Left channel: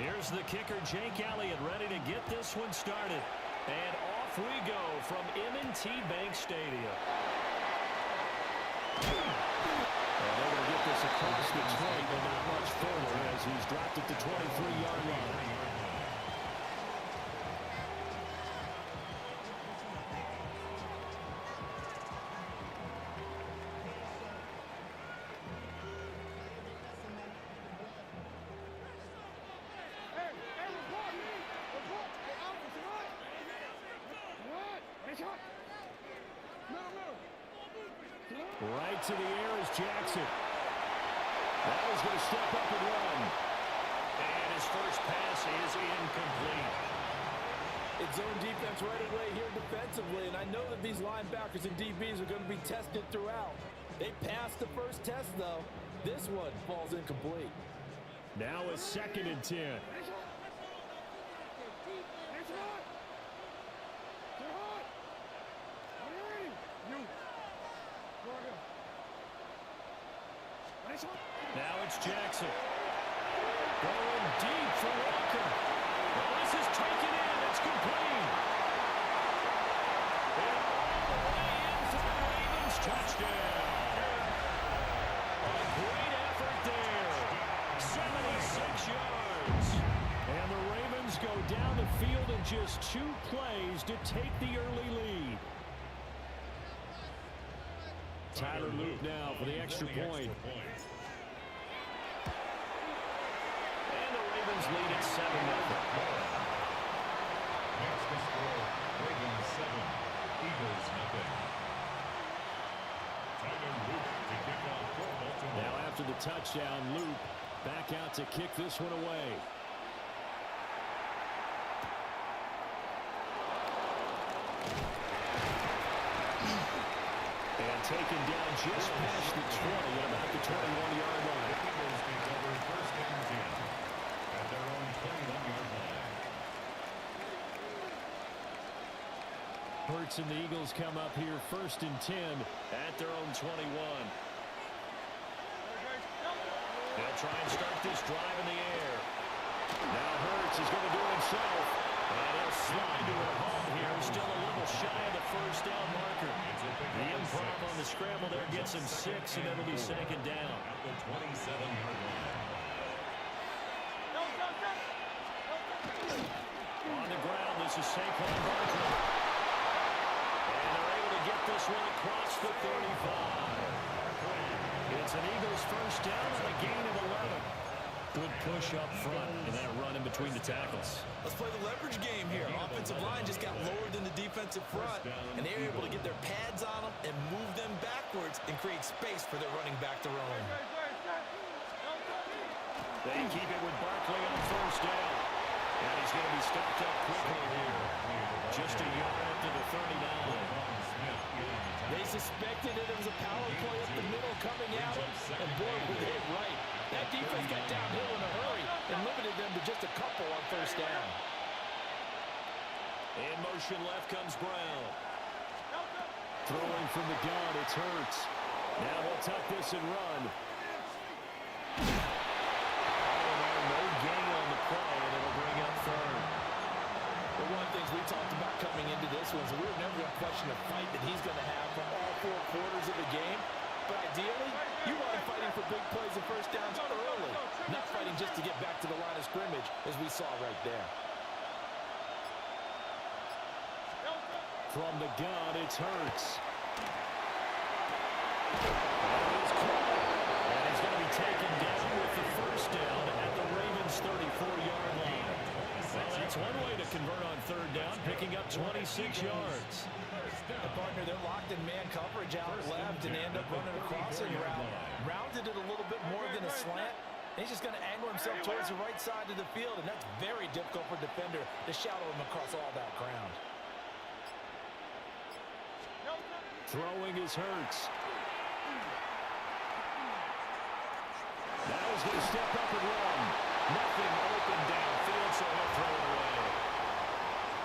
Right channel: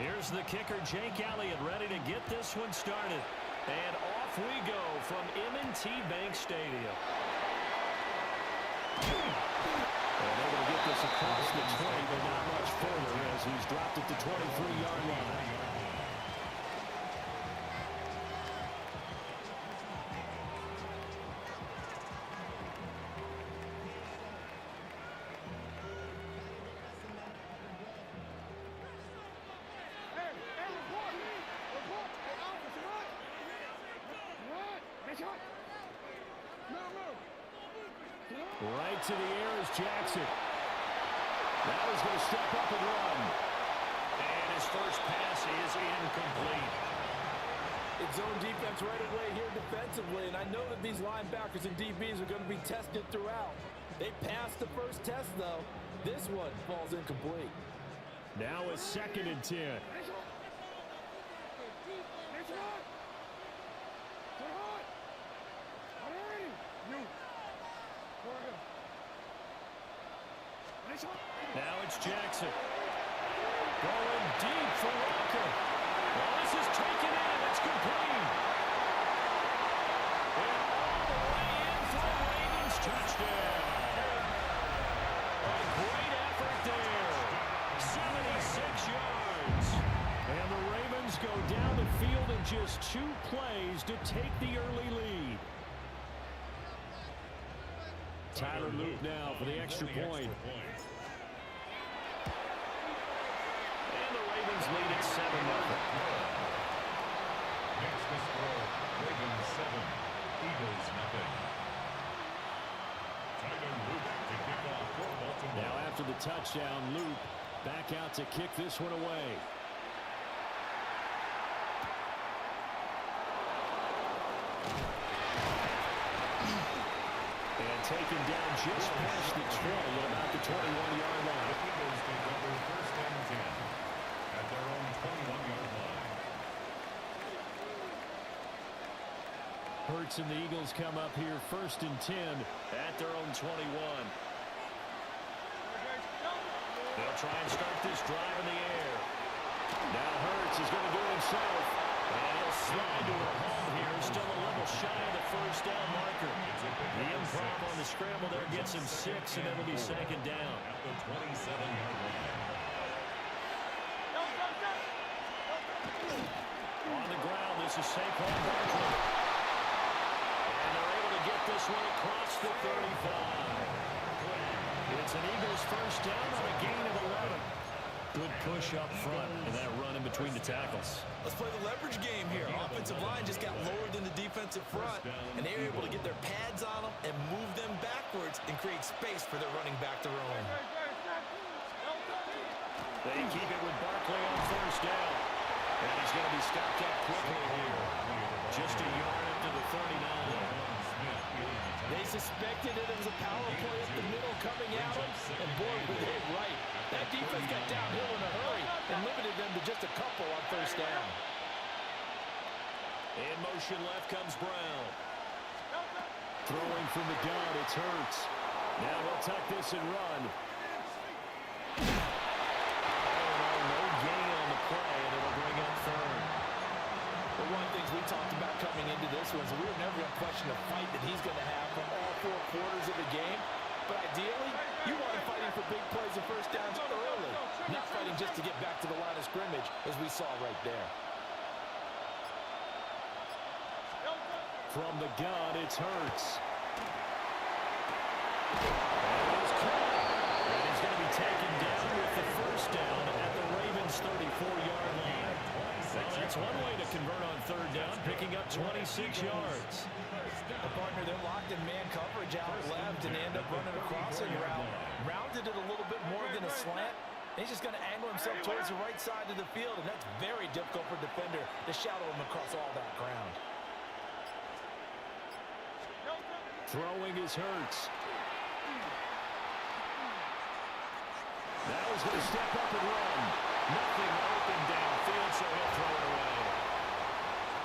Here's the kicker, Jake Elliott, ready to get this one started. And off we go from M&T Bank Stadium. And able to get this across the 20, but not much further as he's dropped it to 23-yard line. Right to the air is Jackson. Now he's going to step up and run. And his first pass is incomplete. It's zone defense right away here defensively, and I know that these linebackers and DBs are going to be tested throughout. They passed the first test, though. This one falls incomplete. Now a 2nd and 10. Now it's Jackson. Going deep for Walker. Well, this is taken in. It's complete. And all the way in for the Ravens touchdown. A great effort there. 76 yards. And the Ravens go down the field in just 2 plays to take the early lead. Tyler Luke now for the extra point. And the Ravens lead at 7-0. Next to score, Ravens 7, Eagles 0. Tyler Luke to kick off for Baltimore. Now after the touchdown, Luke back out to kick this one away. And taken down just past the 20 at about the 21-yard line. The Eagles take over 1st and 10 at their own 21-yard line. Hurts and the Eagles come up here 1st and 10 at their own 21. They'll try and start this drive in the air. Now Hurts is going to do it himself. And he'll slide to her home here. Still a little shy of the 1st down marker. The improv on the scramble there gets him 6, and it'll be 2nd down. At the 27-yard line. On the ground, this is Saquon Barkley. And they're able to get this one across the 35. It's an Eagles 1st down on a gain of 11. Good push up front and that run in between the tackles. Let's play the leverage game here. Offensive line just got lower than the defensive front, and they were able to get their pads on them and move them backwards and create space for their running back to roam. They keep it with Barkley on 1st down. And he's going to be stopped up quickly here. Just a yard up to the 39. They suspected it was a power play up the middle coming at them, and boy, were they right. That defense got downhill in a hurry and limited them to just a couple on 1st down. In motion left comes Brown. Throwing from the gun, it's Hurts. Now he'll tuck this and run. All in all, no gain on the play, and it'll bring up 3rd. Well, one of the things we talked about coming into this was we were never going to question the fight that he's going to have from all 4 quarters of the game. But ideally, you want him fighting for big plays and 1st downs early, not fighting just to get back to the line of scrimmage, as we saw right there. From the gun, it's Hurts. And he's caught. And he's going to be taken down with the 1st down at the Ravens' 34-yard line. Well, that's one way to convert on 3rd down, picking up 26 yards. The partner, they're locked in man coverage out left, and they end up running a crossing route. Rounded it a little bit more than a slant. He's just going to angle himself towards the right side of the field, and that's very difficult for a defender to shadow him across all that ground. Throwing is Hurts. Now he's going to step up and run. Nothing open downfield, so he'll throw it away.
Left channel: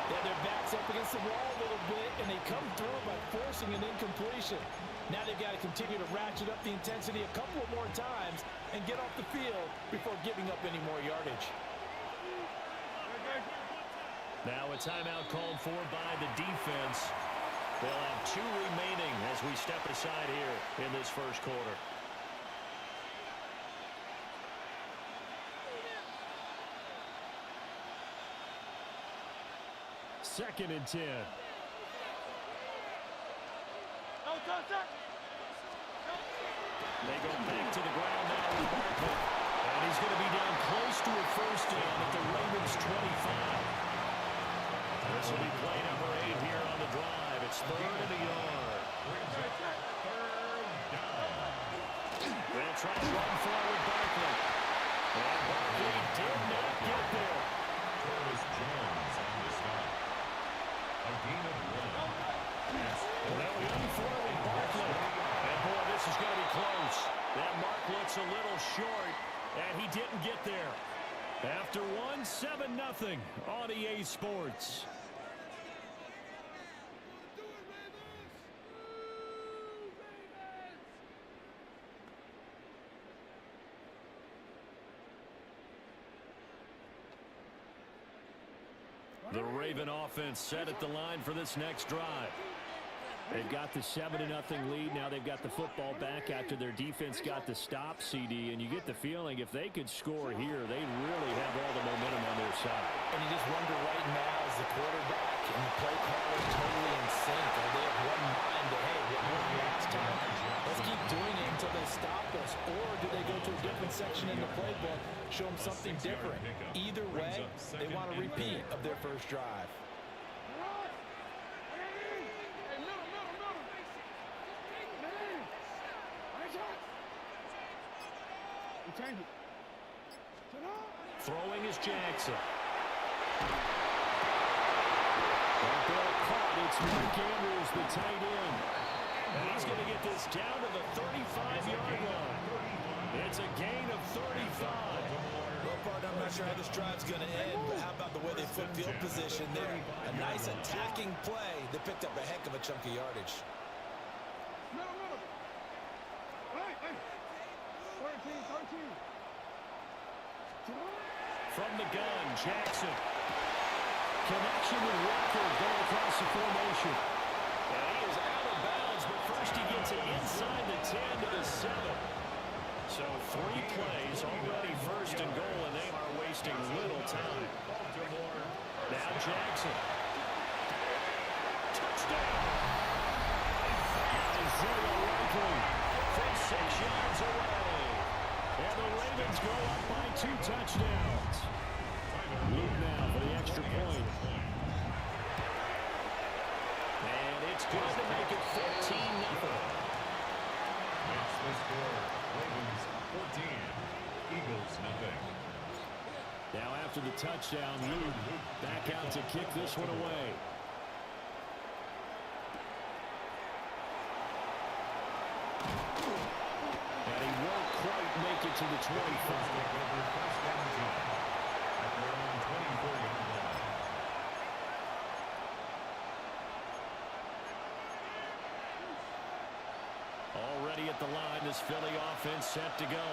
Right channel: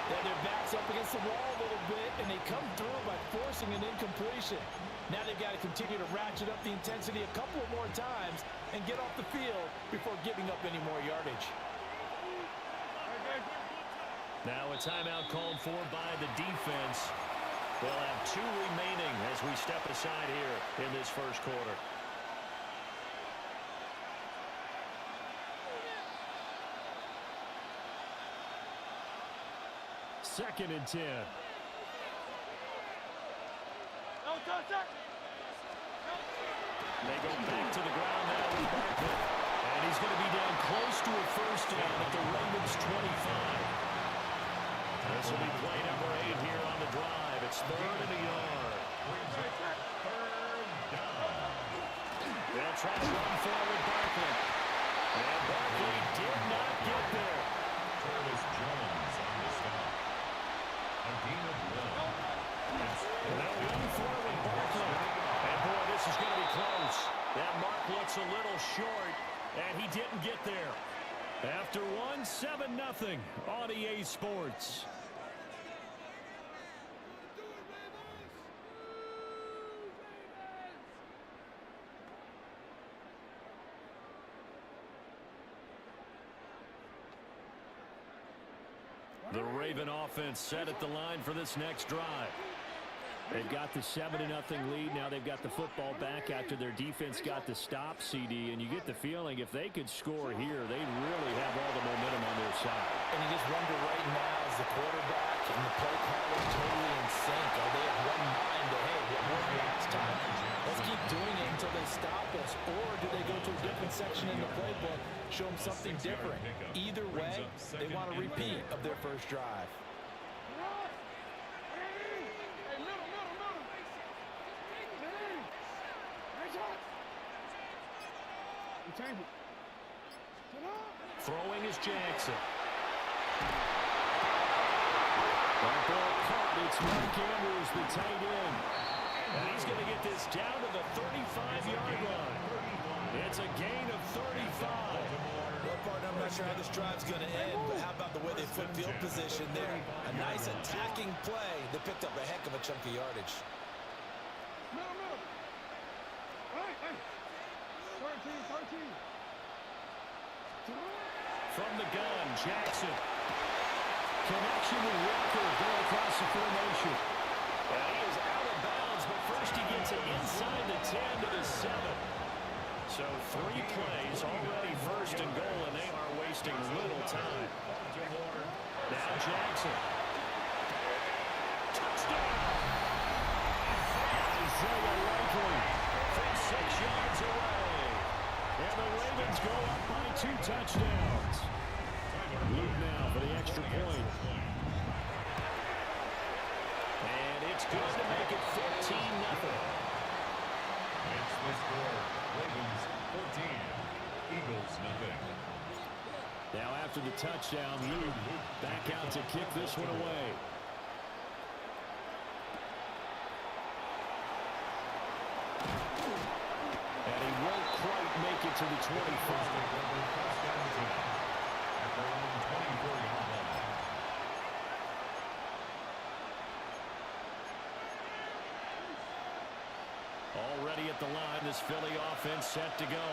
Yeah, their back's up against the wall a little bit, and they come through by forcing an incompletion. Now they've got to continue to ratchet up the intensity a couple of more times and get off the field before giving up any more yardage. Now a timeout called for by the defense. They'll have 2 remaining as we step aside here in this first quarter. Second and 10. They go back to the ground now with Barkley. And he's going to be down close to a first down at the Ravens 25. This will be play number 8 here on the drive. It's 3rd and a yard. They'll try to run forward Barkley. And Barkley did not get there. Travis Jones on the stop. A gain of 1. They'll run forward Barkley. And boy, this is going to be close. That mark looks a little short, and he didn't get there. After 7-0 on EA Sports. The Raven offense set at the line for this next drive. They've got the 7-0 lead. Now they've got the football back after their defense got the stop, CD. And you get the feeling if they could score here, they really have all the momentum on their side. And you just wonder right now, is the quarterback and the play caller totally in sync? Are they of one mind that, hey, what worked last time? Let's keep doing it until they stop us. Or do they go to a different section in the playbook, show them something different? Either way, they want a repeat of their first drive. Throwing is Jackson. That ball caught. It's Mark Andrews, the tight end. And he's going to get this down to the 35-yard line. It's a gain of 35. Well, partner, I'm not sure how this drive's going to end, but how about the way they flip field position there? A nice attacking play that picked up a heck of a chunk of yardage. From the gun, Jackson. Connection with Walker going across the formation. And he is out of bounds, but first he gets it inside the 10 to the 7. So 3 plays already first and goal, and they are wasting little time. Now Jackson. Touchdown! Isaiah Likely from 6 yards away. And the Ravens go up by 2 touchdowns. Luke now for the extra point. And it's good to make it 14-0. It's the score. Ravens 14, Eagles nothing. Now after the touchdown, Luke back out to kick this one away. And he won't quite make it to the 25. First down 10 at their own 24-yard line. Already at the line, this Philly offense set to go.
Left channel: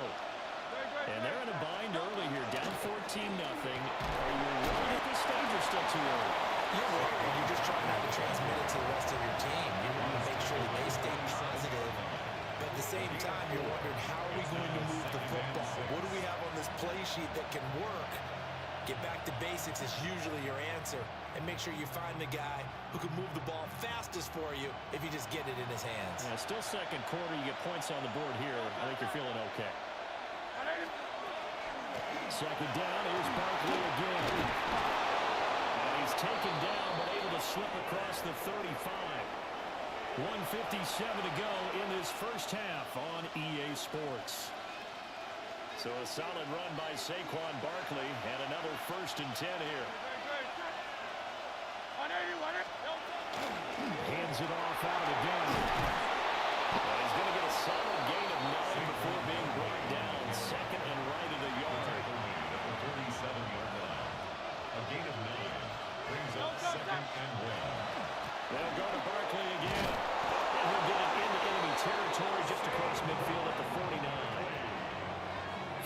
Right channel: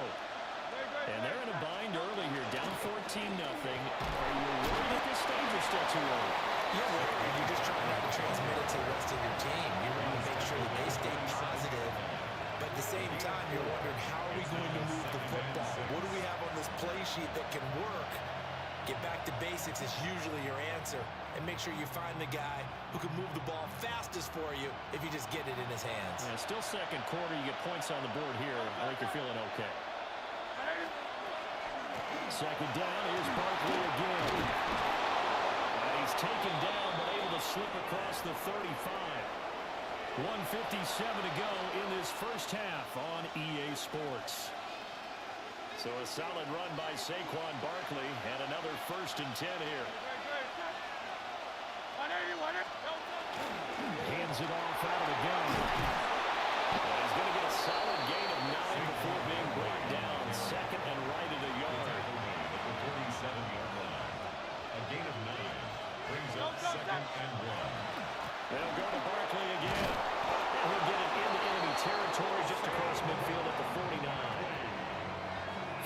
And they're in a bind early here, down 14-0. Are you worried at this stage or still too early? You're worried. You're just trying not to transmit it to the rest of your team. You want to make sure that they stay positive. But at the same time, you're wondering, how are we going to move the football? What do we have on this play sheet that can work? Get back to basics is usually your answer. And make sure you find the guy who can move the ball fastest for you if you just get it in his hands. Yeah, still second quarter. You get points on the board here. I think you're feeling okay. Second down, here's Barkley again. And he's taken down, but able to slip across the 35. 1:57 to go in this first half on EA Sports. So a solid run by Saquon Barkley and another 1st and 10 here. Hands it off out of the gun. And he's going to get a solid gain of 9 before being brought down. Second and right at a yard. At the 47-yard line. A gain of 9 brings up 2nd and 1. They'll go to Barkley again. And he'll get it into enemy territory just across midfield at the 49.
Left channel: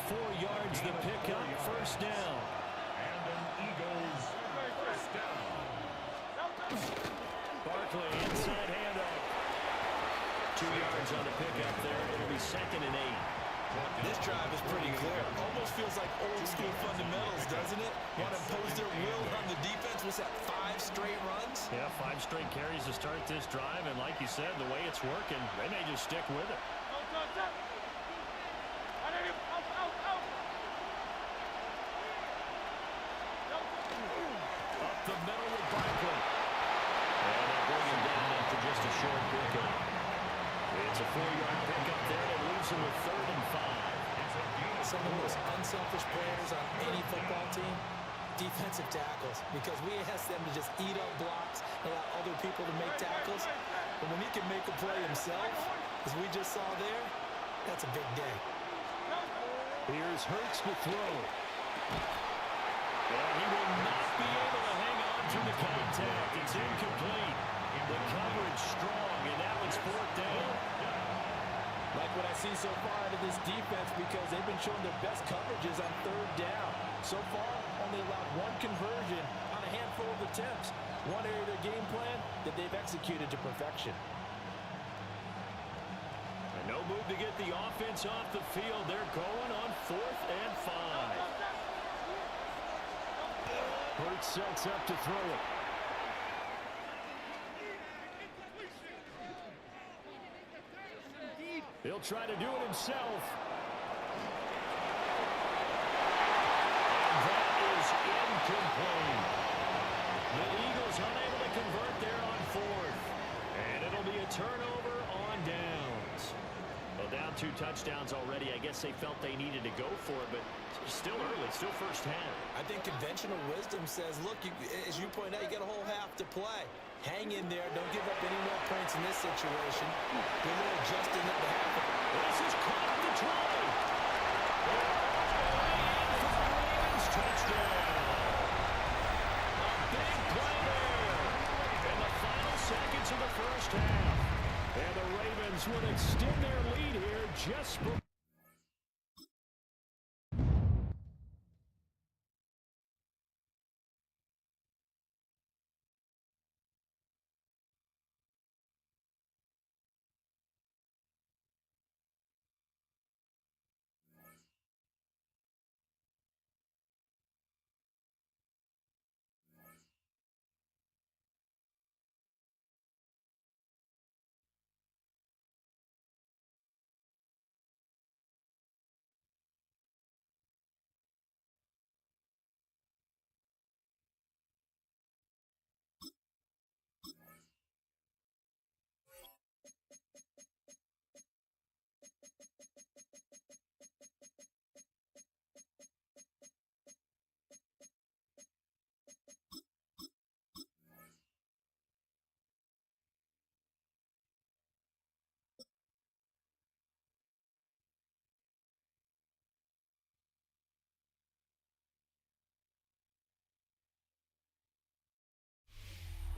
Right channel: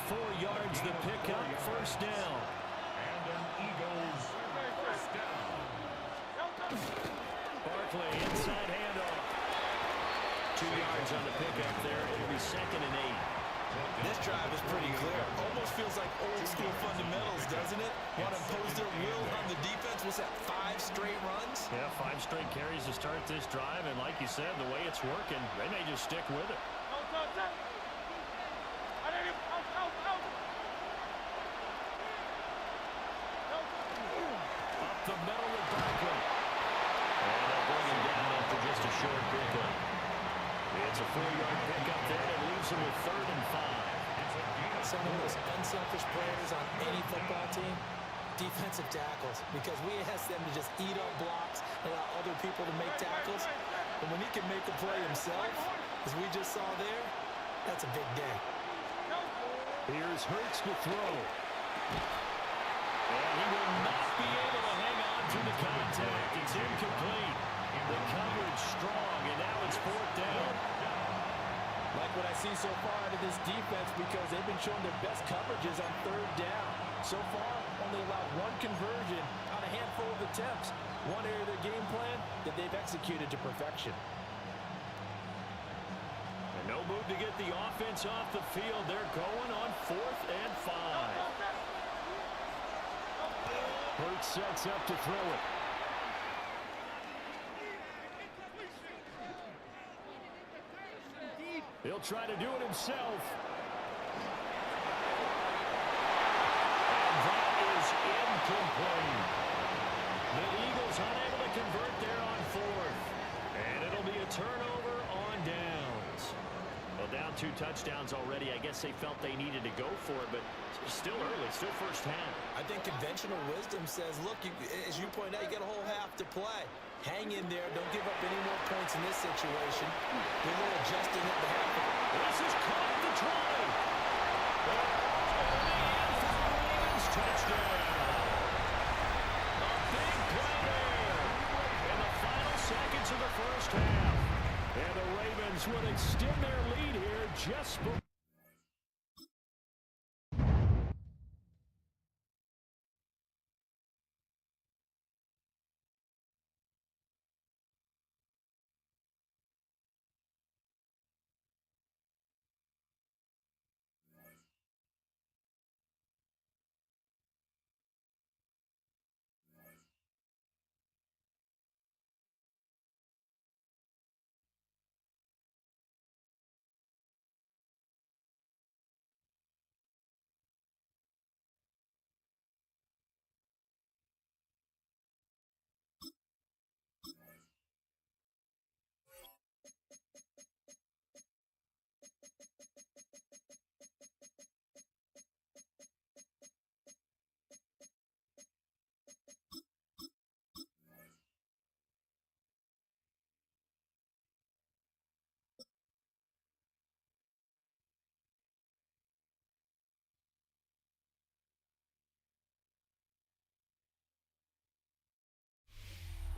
4 yards the pickup, first down. And an Eagles first down. 2 yards on the pickup there. It'll be 2nd and 8. This drive is pretty clear. Almost feels like old school fundamentals, doesn't it? Want to impose their will on the defense. What's that, 5 straight runs? Yeah, 5 straight carries to start this drive. And like you said, the way it's working, they may just stick with it. Up the middle with Barkley. And they'll bring him down after just a short pickup. It's a 4-yard pickup there that leaves him with 3rd and 5. Some of the most unselfish players on any football team, defensive tackles, because we ask them to just eat up blocks, allow other people to make tackles. But when he can make a play himself, as we just saw there, that's a big day. Here's Hurts to throw. And he will not be able to hang on to the contact. It's incomplete. The coverage strong, and now it's 4th down. Like what I see so far out of this defense, because they've been showing their best coverages on 3rd down. So far, only allowed 1 conversion on a handful of attempts. One area of their game plan that they've executed to perfection. And no move to get the offense off the field. They're going on 4th and 5. Hurts sets up to throw it. He'll try to do it himself. And that is incomplete. The Eagles unable to convert there on 4th. And it'll be a turnover on downs. Well, down 2 touchdowns already. I guess they felt they needed to go for it, but still early, still first half. I think conventional wisdom says, look, as you point out, you got a whole half to play. Hang in there. Don't give up any more points in this situation. Do a little adjusting at the half. This is caught at the 20. They're all the way in for the Ravens touchdown. A big play there in the final seconds of the first half. And the Ravens would extend their lead here just before.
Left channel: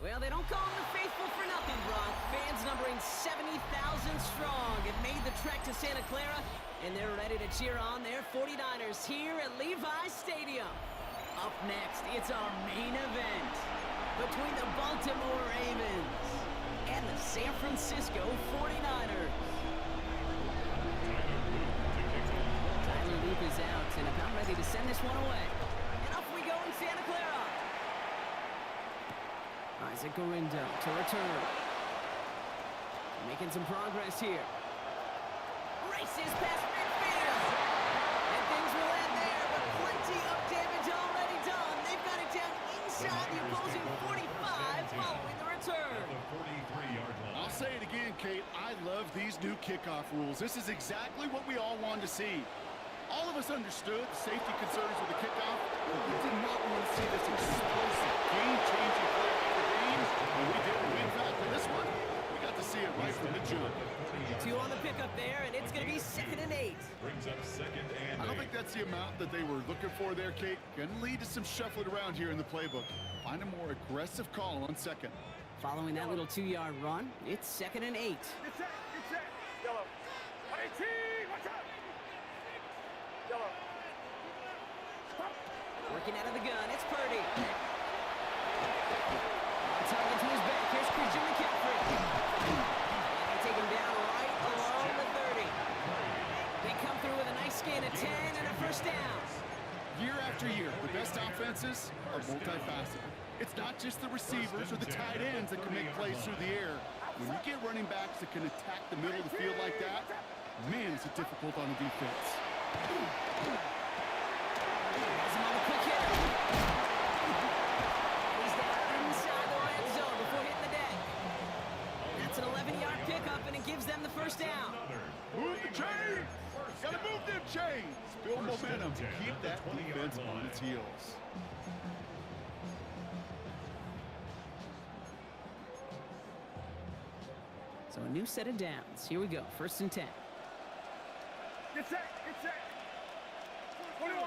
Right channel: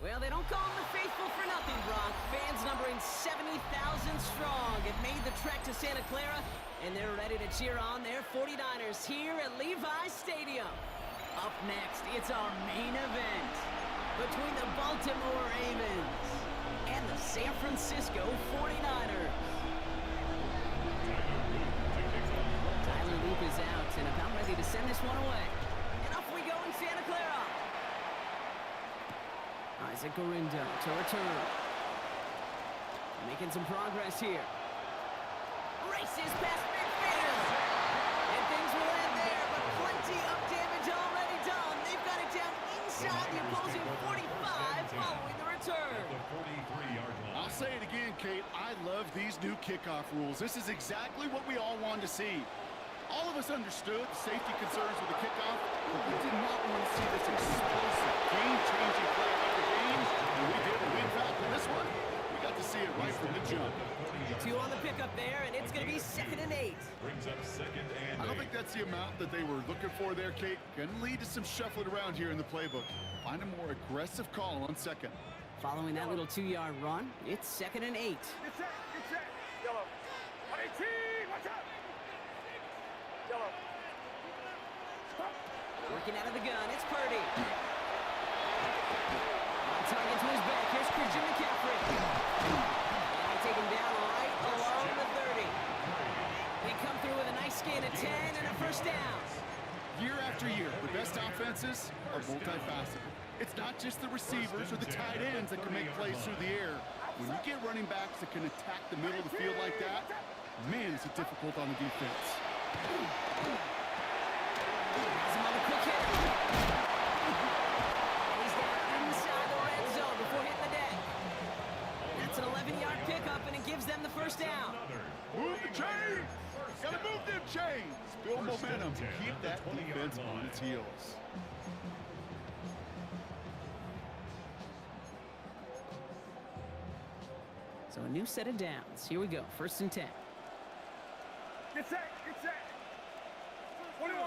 Well, they don't call them the faithful for nothing, Brock. Fans numbering 70,000 strong have made the trek to Santa Clara, and they're ready to cheer on their 49ers here at Levi's Stadium. Up next, it's our main event between the Baltimore Ravens and the San Francisco 49ers. Tyler Loop is out and about ready to send this one away. And off we go in Santa Clara. Isaac Gorindo to return. Making some progress here. Races past midfield. And things will end there, but plenty of damage already done. They've got it down inside the opposing 45 following the return. At the 43-yard line. I'll say it again, Kate. I love these new kickoff rules. This is exactly what we all wanted to see. All of us understood the safety concerns with the kickoff, but we did not want to see this explosive, game-changing play after games, and we did. In fact, in this one, we got to see it right from the jump. 2 on the pickup there, and it's going to be 2nd and 8. Brings up 2nd and 8. I don't think that's the amount that they were looking for there, Kate. Going to lead to some shuffling around here in the playbook. Find a more aggressive call on 2nd. Following that little 2-yard run, it's 2nd and 8. Get set. Yellow. 18, watch out. Yellow. Working out of the gun, it's Purdy. On target to his back, here's Christian McCaffrey. And they take him down The best offenses are multifaceted. It's not just the receivers or the tight ends that can make plays through the air. When you get running backs that can attack the middle of the field like that, man, is it difficult on the defense. Has him on the quick hit. And he's down inside the red zone before hitting the deck. That's an 11-yard pickup, and it gives them the first down. Move the chains! Gotta move them chains! Build momentum to keep that defense on its heels. So a new set of downs. Here we go, 1st and 10. Get set, get set. 21.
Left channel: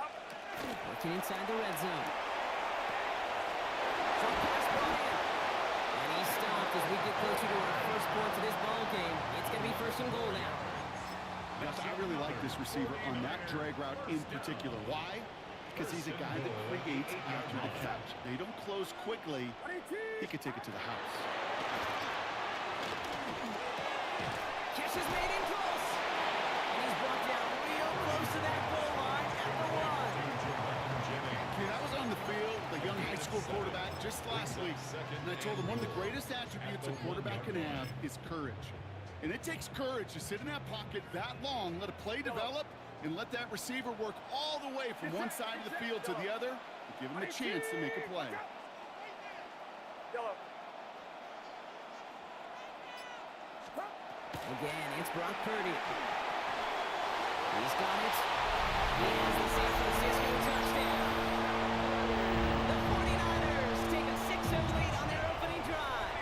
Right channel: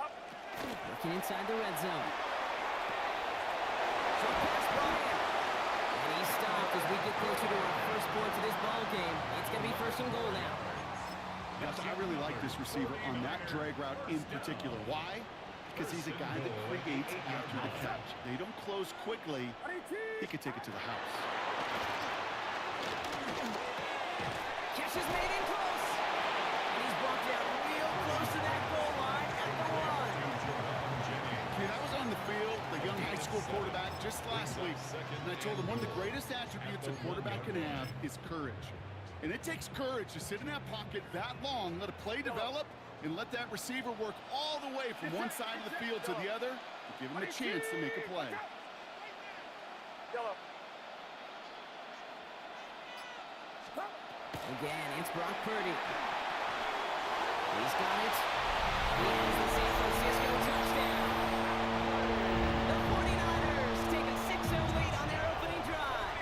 Up. Working inside the red zone. Short pass brought in. And he stopped as we get closer to our first points of this ball game. It's going to be 1st and goal now. Yes, I really like this receiver on that drag route in particular. Why? Because he's a guy that creates after the catch. They don't close quickly. He could take it to the house. Catch is made in close. And he's brought down real close to that goal line at the 1. Yeah, I was on the field, the young high school quarterback, just last week. And I told him one of the greatest attributes a quarterback can have is courage. And it takes courage to sit in that pocket that long, let a play develop, and let that receiver work all the way from one side of the field to the other, and give him a chance to make a play. Yellow. Again, it's Brock Purdy. He's got it. He has the San Francisco touchdown. The 49ers take a 6-0 lead on their opening drive.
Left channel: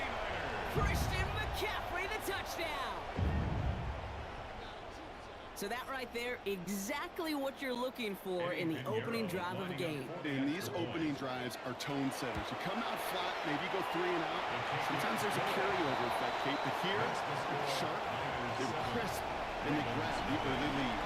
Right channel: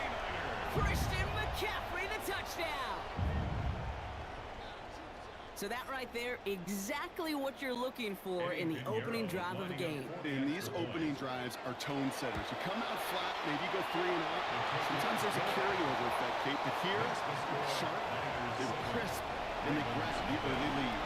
Christian McCaffrey, the touchdown. So that right there, exactly what you're looking for in the opening drive of a game. And these opening drives are tone setters. You come out flat, maybe you go 3 and out. Sometimes there's a carryover effect, Kate. But here, they're sharp, they were crisp, and they grab the early lead.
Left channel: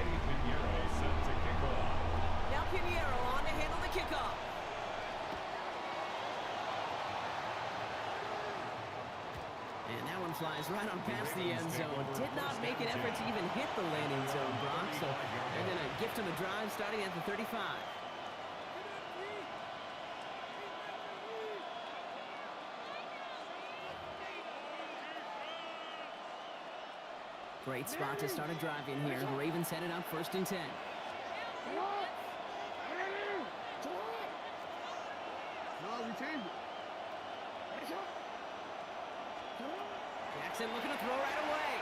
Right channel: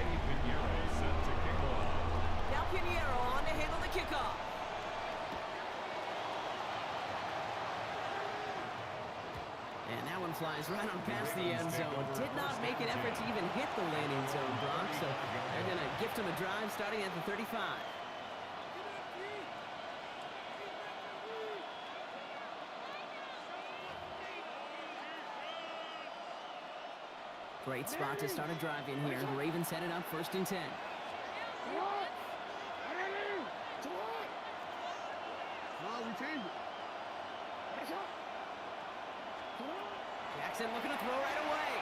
Eddie Pinheiro set to kick off. Now Pinheiro on to handle the kickoff. And that one flies right on past the end zone. Did not make an effort to even hit the landing zone, Brock. So they're going to gift him a drive starting at the 35. Great spot to start a drive in here. The Ravens headed up 1st and 10. Jackson looking to throw right away.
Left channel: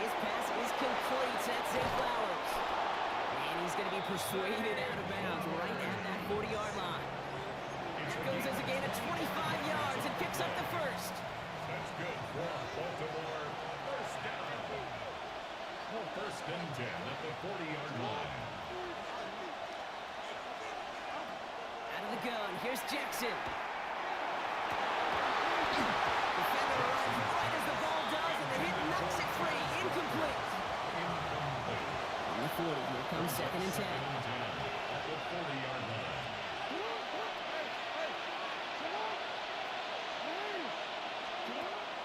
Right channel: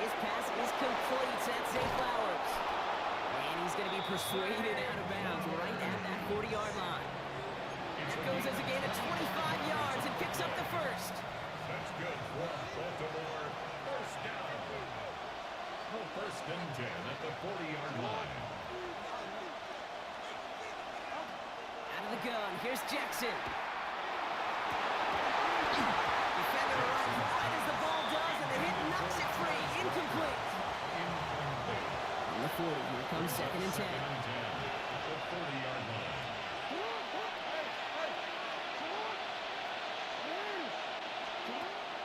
His pass is complete. That's Zay Flowers. And he's going to be persuaded out of bounds right at that 40-yard line. That goes as a gain of 25 yards and picks up the first. That's good for Baltimore. First down. No, 1st and 10 at the 40-yard line. Out of the gun. Here's Jackson. Defender arrives right as the ball does, and the hit knocks it free. Incomplete. On the 40, here comes 2nd and 10. At the 40-yard line.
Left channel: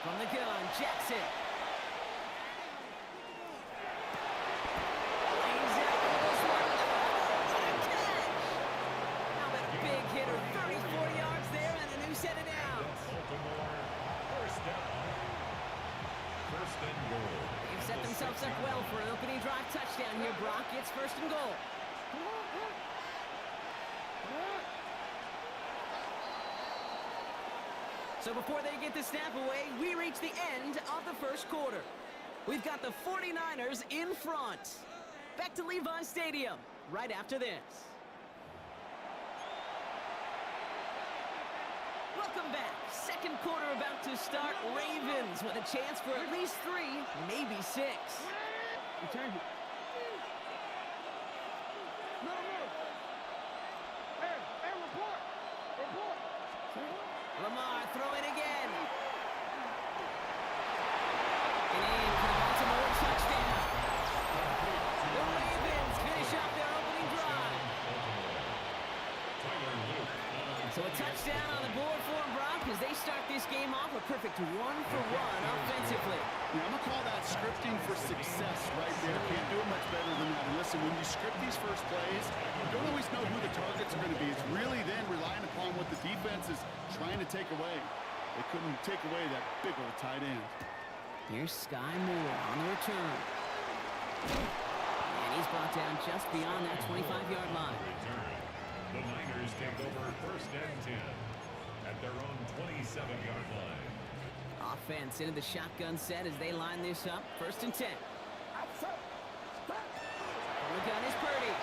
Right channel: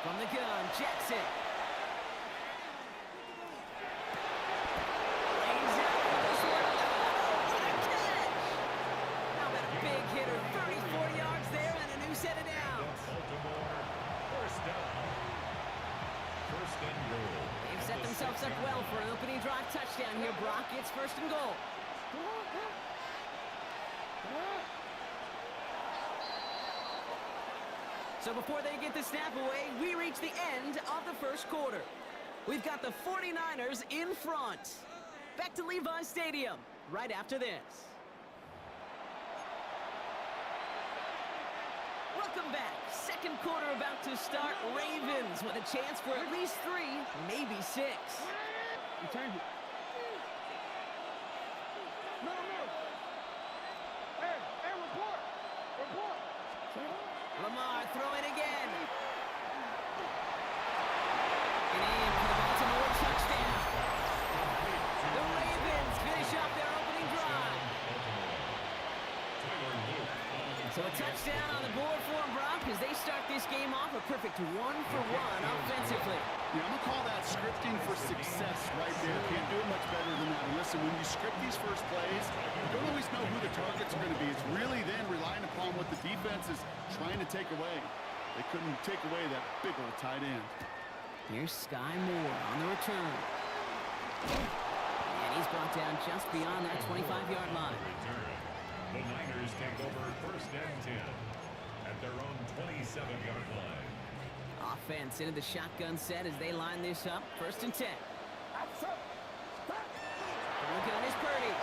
From the gun, Jackson. Lays out for this one. Oh, what a catch! How about a big hitter? 34 yards there and a new set of downs. Baltimore. First down. 1st and goal. They've set themselves up well for an opening drive touchdown here, Brock. It's 1st and goal. So before they get the snap away, we reach the end of the first quarter. We've got the 49ers in front. Back to Levi Stadium right after this. Welcome back. Second quarter about to start. Ravens with a chance for at least 3, maybe 6. Return it. No. Hey, report. Report. Lamar throwing again. And in for the Baltimore touchdown. The Ravens finish off their opening drive. Tyler Luke. So a touchdown on the board for him, Brock. as they start this game off a perfect 1-for-1 offensively. Yeah, I'm going to call that scripting for success right there. Can't do it much better than that. And listen, when you script these first plays, you don't always know who the targets are going to be. It's really then relying upon what the defense is trying to take away. They couldn't take away that big old tight end. Here's Sky Moore on the return. And he's brought down just beyond that 25-yard line. The Niners take over first and 10 at their own 27-yard line. Offense into the shotgun set as they line this up. First and 10. Outside. Stop. From the gun is Purdy.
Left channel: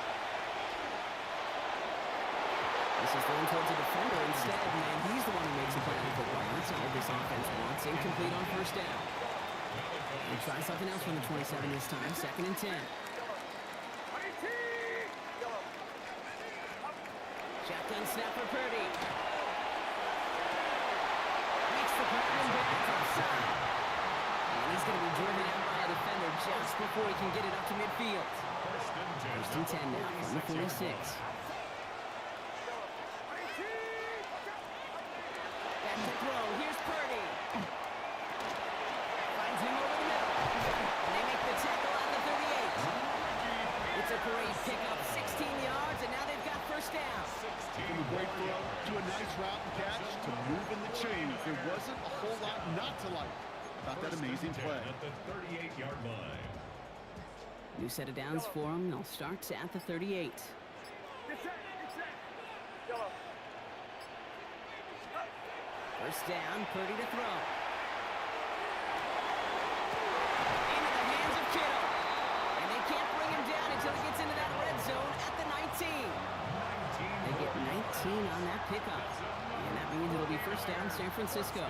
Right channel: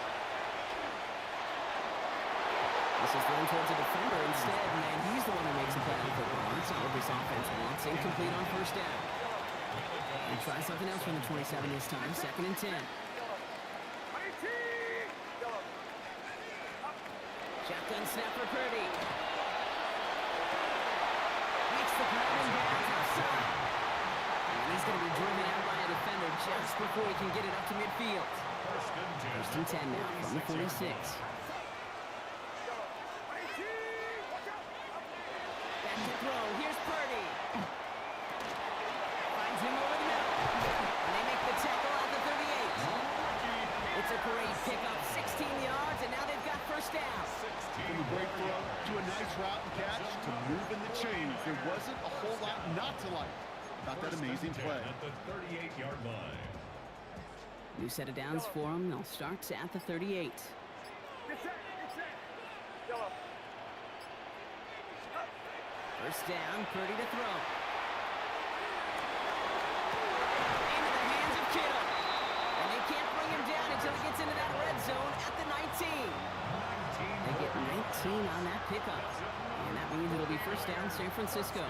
This is thrown towards a defender instead, and he's the one who makes the play on football. That's not what this offense wants. Incomplete on first down. They try something else from the 27 this time. Second and 10. Shotgun snap for Purdy. Makes the grab and bounds left side. And he's going to be driven out by a defender just before he can get it up to midfield. First and 10 now from the 46. Back to throw. Here's Purdy. Finds him over the middle. And they make the tackle at the 38. It's a great pickup, 16 yards, and now they've got first down. From a great throw to a nice route and catch to moving the chains. There wasn't a whole lot not to like about that amazing play. At the 38-yard line. New set of downs for them. They'll start at the 38. First down, Purdy to throw. Into the hands of Kittle. And they can't bring him down until he gets into that red zone at the 19. They get 19 on that pickup. And that means it'll be first down San Francisco.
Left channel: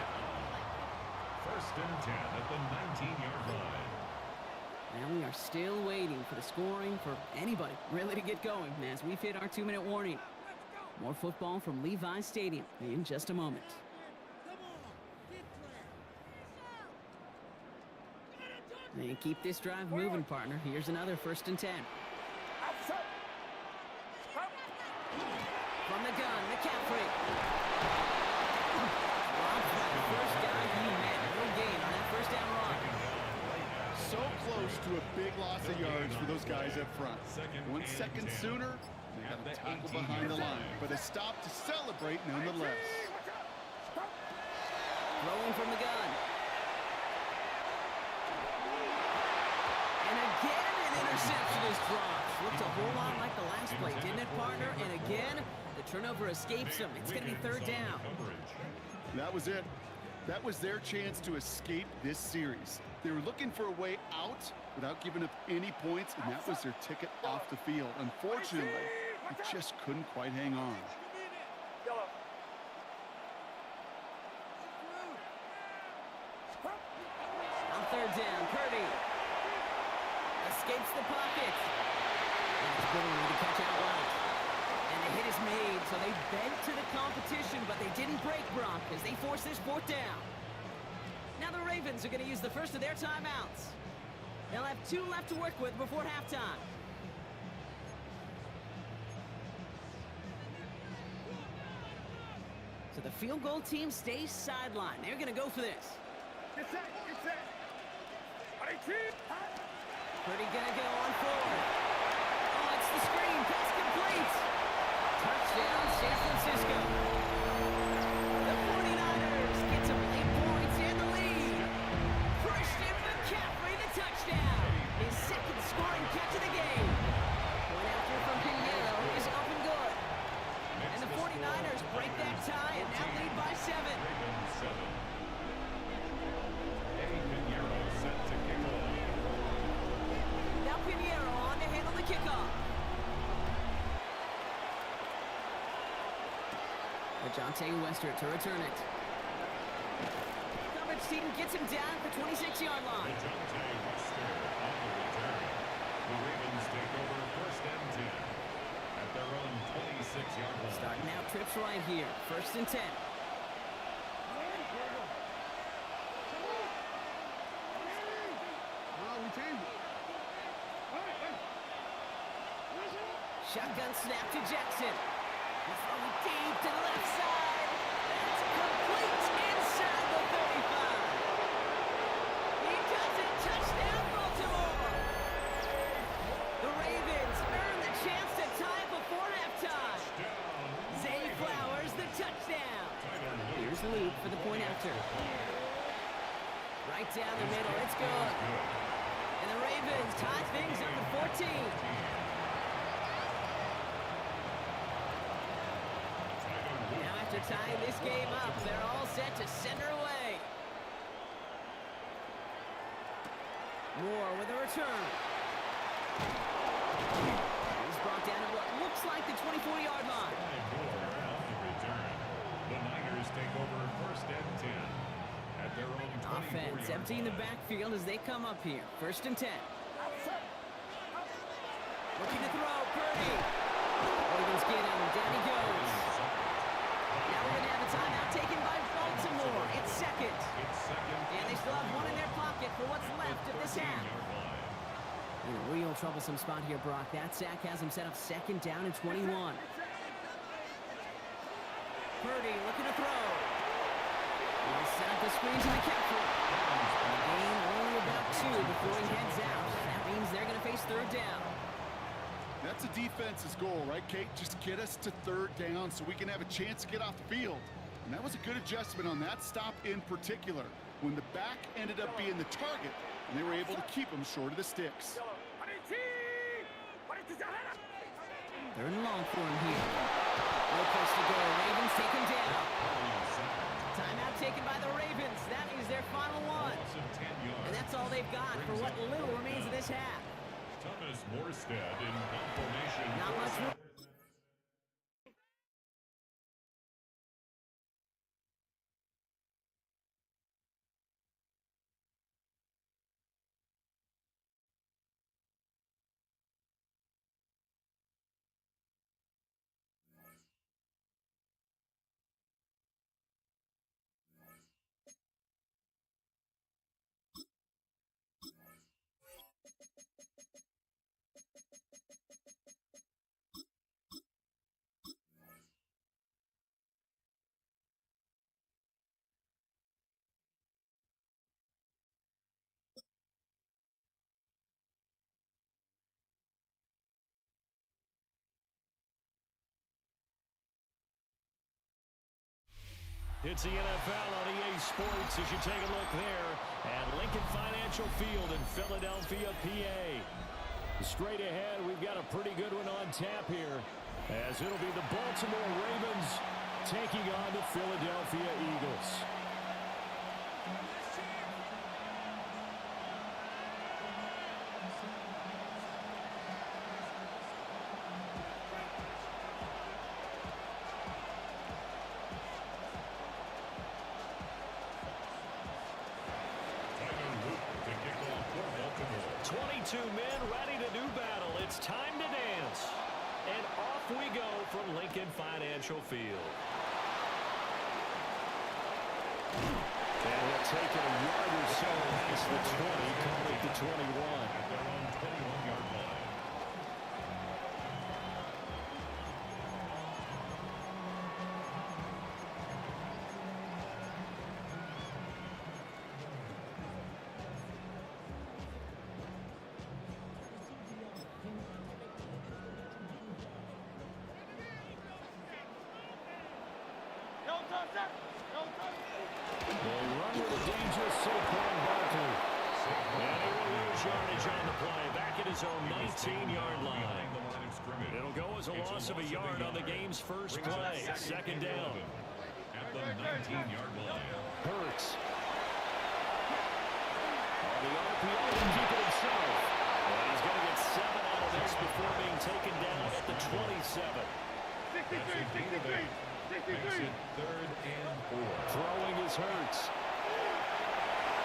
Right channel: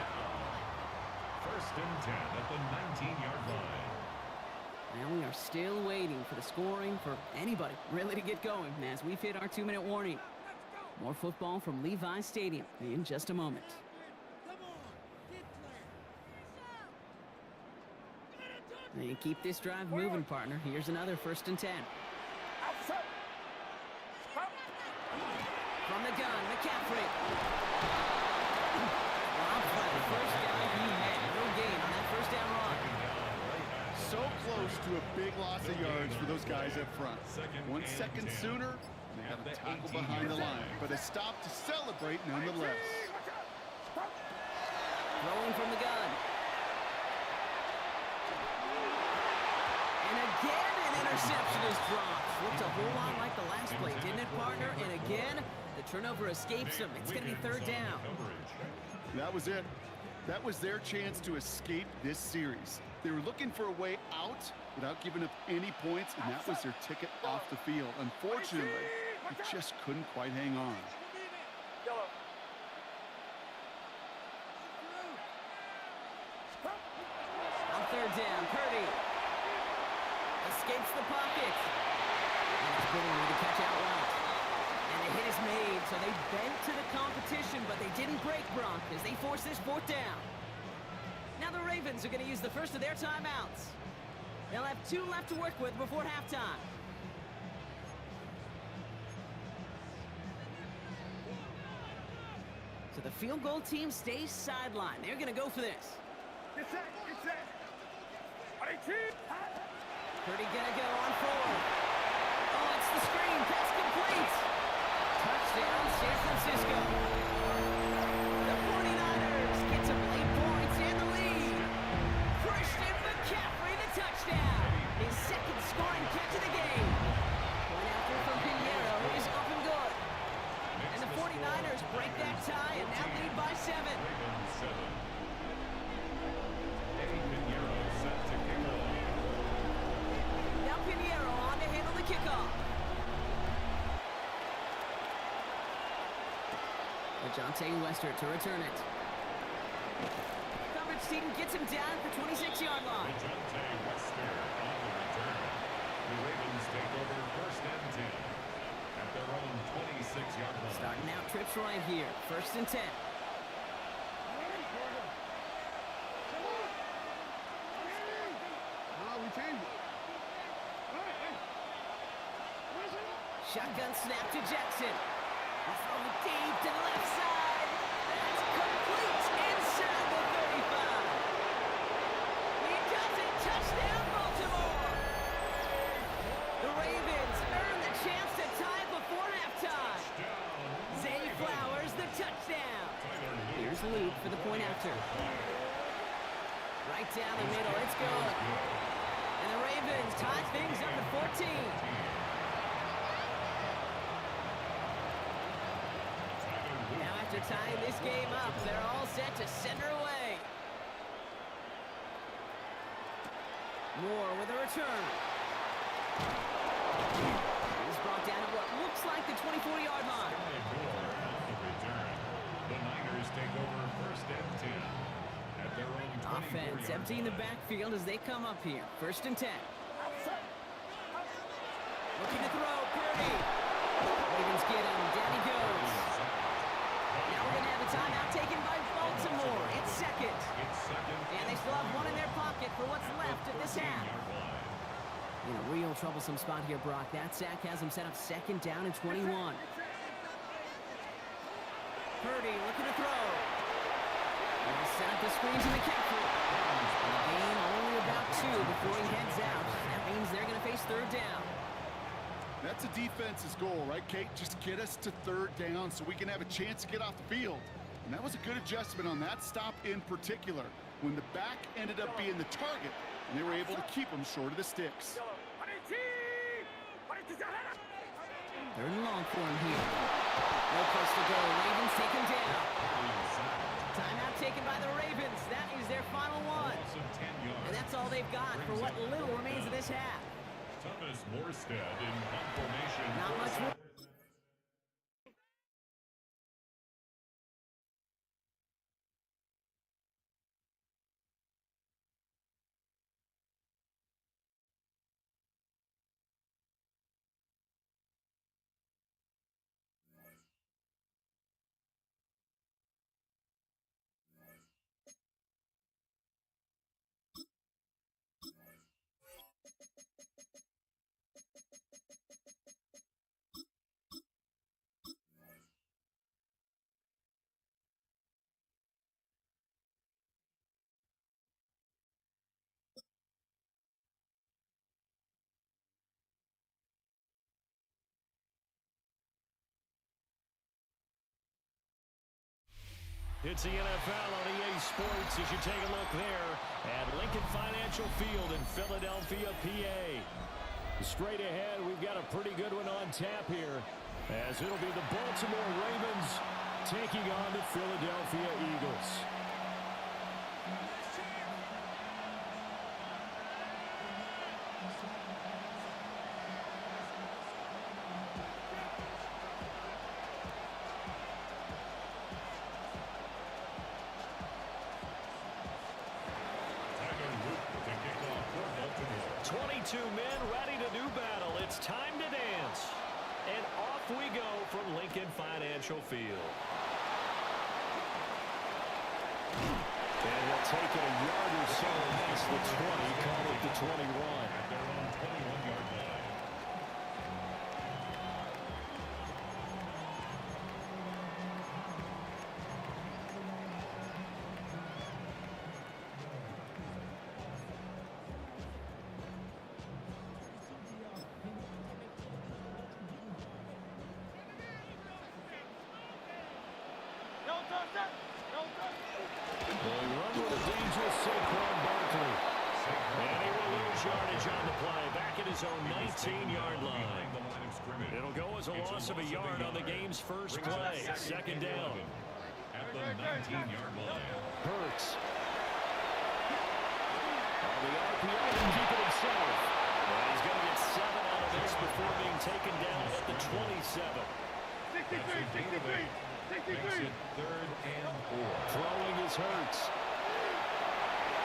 First and 10 at the 19-yard line. Now we are still waiting for the scoring for anybody really to get going as we've hit our 2-minute warning. More football from Levi Stadium in just a moment. They keep this drive moving, partner. Here's another first and 10. From the gun, McCaffrey. Robbed by the first guy he met. No gain on that first down run. So close to a big loss of yards for those guys up front. 1 second sooner, they got a tackle behind the line. But a stop to celebrate nonetheless. Throwing from the gun. And again, an interception is dropped. Looked a whole lot like the last play, didn't it, partner? And again, the turnover escapes him. It's going to be third down. That was it. That was their chance to escape this series. They were looking for a way out without giving up any points, and that was their ticket off the field. Unfortunately, they just couldn't quite hang on. On third down, Purdy escapes the pocket. And it's Billingsley to catch out right. And the hit is made, so they bent to the competition, but they didn't break, Brock, as they force this fourth down. Now the Ravens are going to use the first of their timeouts. They'll have 2 left to work with before halftime. So the field goal team stays sidelined. They're going to go for this. Get set. Purdy gonna go on forward. Oh, it's the screen. Pass complete. Touchdown, San Francisco. The 49ers get some late points in the lead. Christian McCaffrey, the touchdown. His second scoring catch of the game. Point after from Pinheiro is up and good. And the 49ers break that tie and now lead by 7. Ravens 7. Pinheiro set to kick off. Now Pinheiro on to handle the kickoff. Ajante Wester to return it. Coverage team gets him down at the 26-yard line. Ajante Wester on the return. The Ravens take over first and 10 at their own 26-yard line. Starting out trips right here. First and 10. Shotgun snap to Jackson. He's throwing deep to the left side. That's complete. after. Right down the middle. It's good. And the Ravens tie things up at 14. Now after tying this game up, they're all set to send her away. Moore with a return. He's brought down at what looks like the 24-yard line. Moore on the return. The Niners take over first and 10 at their own 24-yard Offense emptying the backfield as they come up here. First and 10. Looking to throw. Purdy. Ravens get him. Down he goes. Now we're going to have a timeout taken by Baltimore. It's second. And they still have one in their pocket for what's left of this half. In a real troublesome spot here, Brock. That sack has him set up second down and 21. Purdy looking to throw. He'll set up the screen to McCaffrey. And the game only about 2 before he heads out. That means they're going to face third down. That's a defense's goal, right, Kate? Just get us to third down so we can have a chance to get off the field. And that was a good adjustment on that stop in particular, when the back ended up being the target, and they were able to keep him short of the sticks. Third and long for him here. No place to go. Ravens take him down. Timeout taken by the Ravens. That is their final one. And that's all they've got for what little remains of this half. Thomas Morstead in formation. Not much room. It's the NFL on EA Sports as you take a look there at Lincoln Financial Field in Philadelphia, PA. Straight ahead, we've got a pretty good one on tap here, as it'll be the Baltimore Ravens taking on the Philadelphia Eagles. To kick off for Baltimore. 22 men ready to do battle. It's time to dance. And off we go from Lincoln Financial Field. And he'll take it a yard or so past the 20, call it the 21. At their own 21-yard line. They run with a dangerous Saquon Barkley. And he will lose yardage on the play. Back at his own 19-yard line. It'll go as a loss of a yard on the game's first play. Second down. At the 19-yard line. Hurts. On the RPO to keep it himself. And he's going to get 7 out of this before being taken down at the 27. Makes it third and 4. Throwing is Hurts.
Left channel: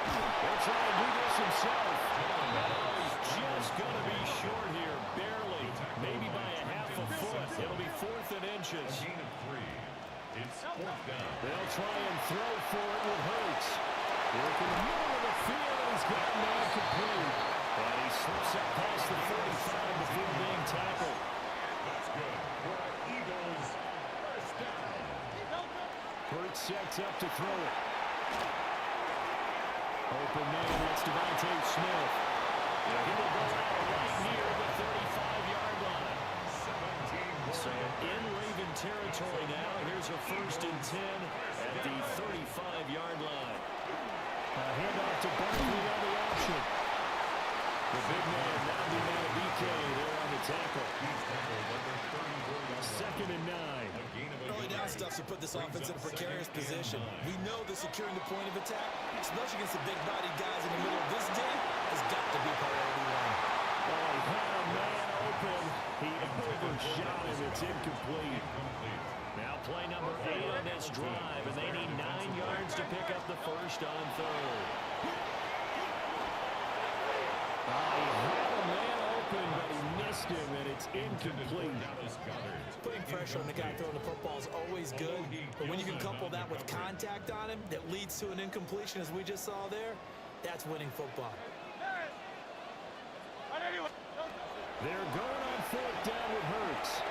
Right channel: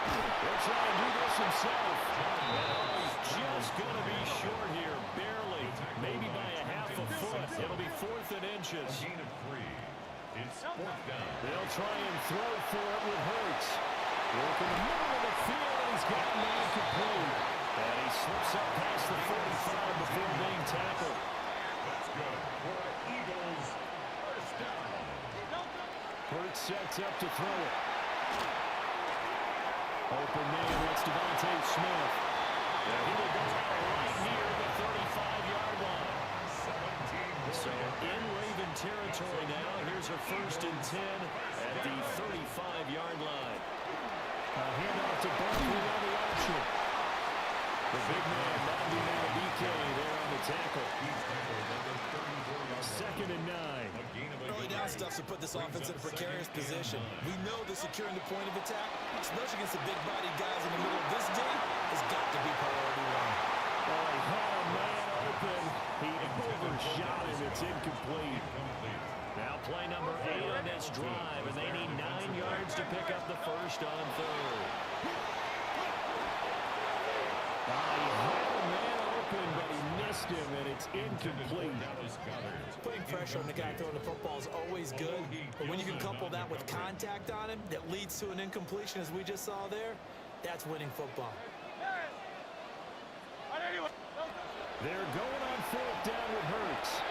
He'll try and do this himself. And he's just going to be short here, barely, maybe by a half a foot. It'll be 4th and inches. A gain of 3. It's 4th down. They'll try and throw for it with Hurts. Look in the middle of the field, and he's got a man complete. And he slips up past the 45 before being tackled. That's good for Eagles. First down. Hurts sets up to throw it. Open man, that's Devontae Smith. Yeah, he will go out right near the 35-yard line. 17 So in Raven territory now. Here's a 1st and 10 at the 35-yard line. Handoff to Barkley on the option. The big man now being out of BK there on the tackle. 2nd and 9. Early down stuff to put this offense in a precarious position. We know that securing the point of attack, especially against the big-bodied guys in the middle of this game, has got to be priority one. Oh, he had a man open. He overshot him. It's incomplete. Now play number 8 on this drive, and they need 9 yards to pick up the first on 3rd. He had a man open, but he missed him, and it's incomplete. Putting pressure on the guy throwing the football is always good, but when you can couple that with contact on him that leads to an incompletion, as we just saw there, that's winning football. They're going on 4th down with Hurts.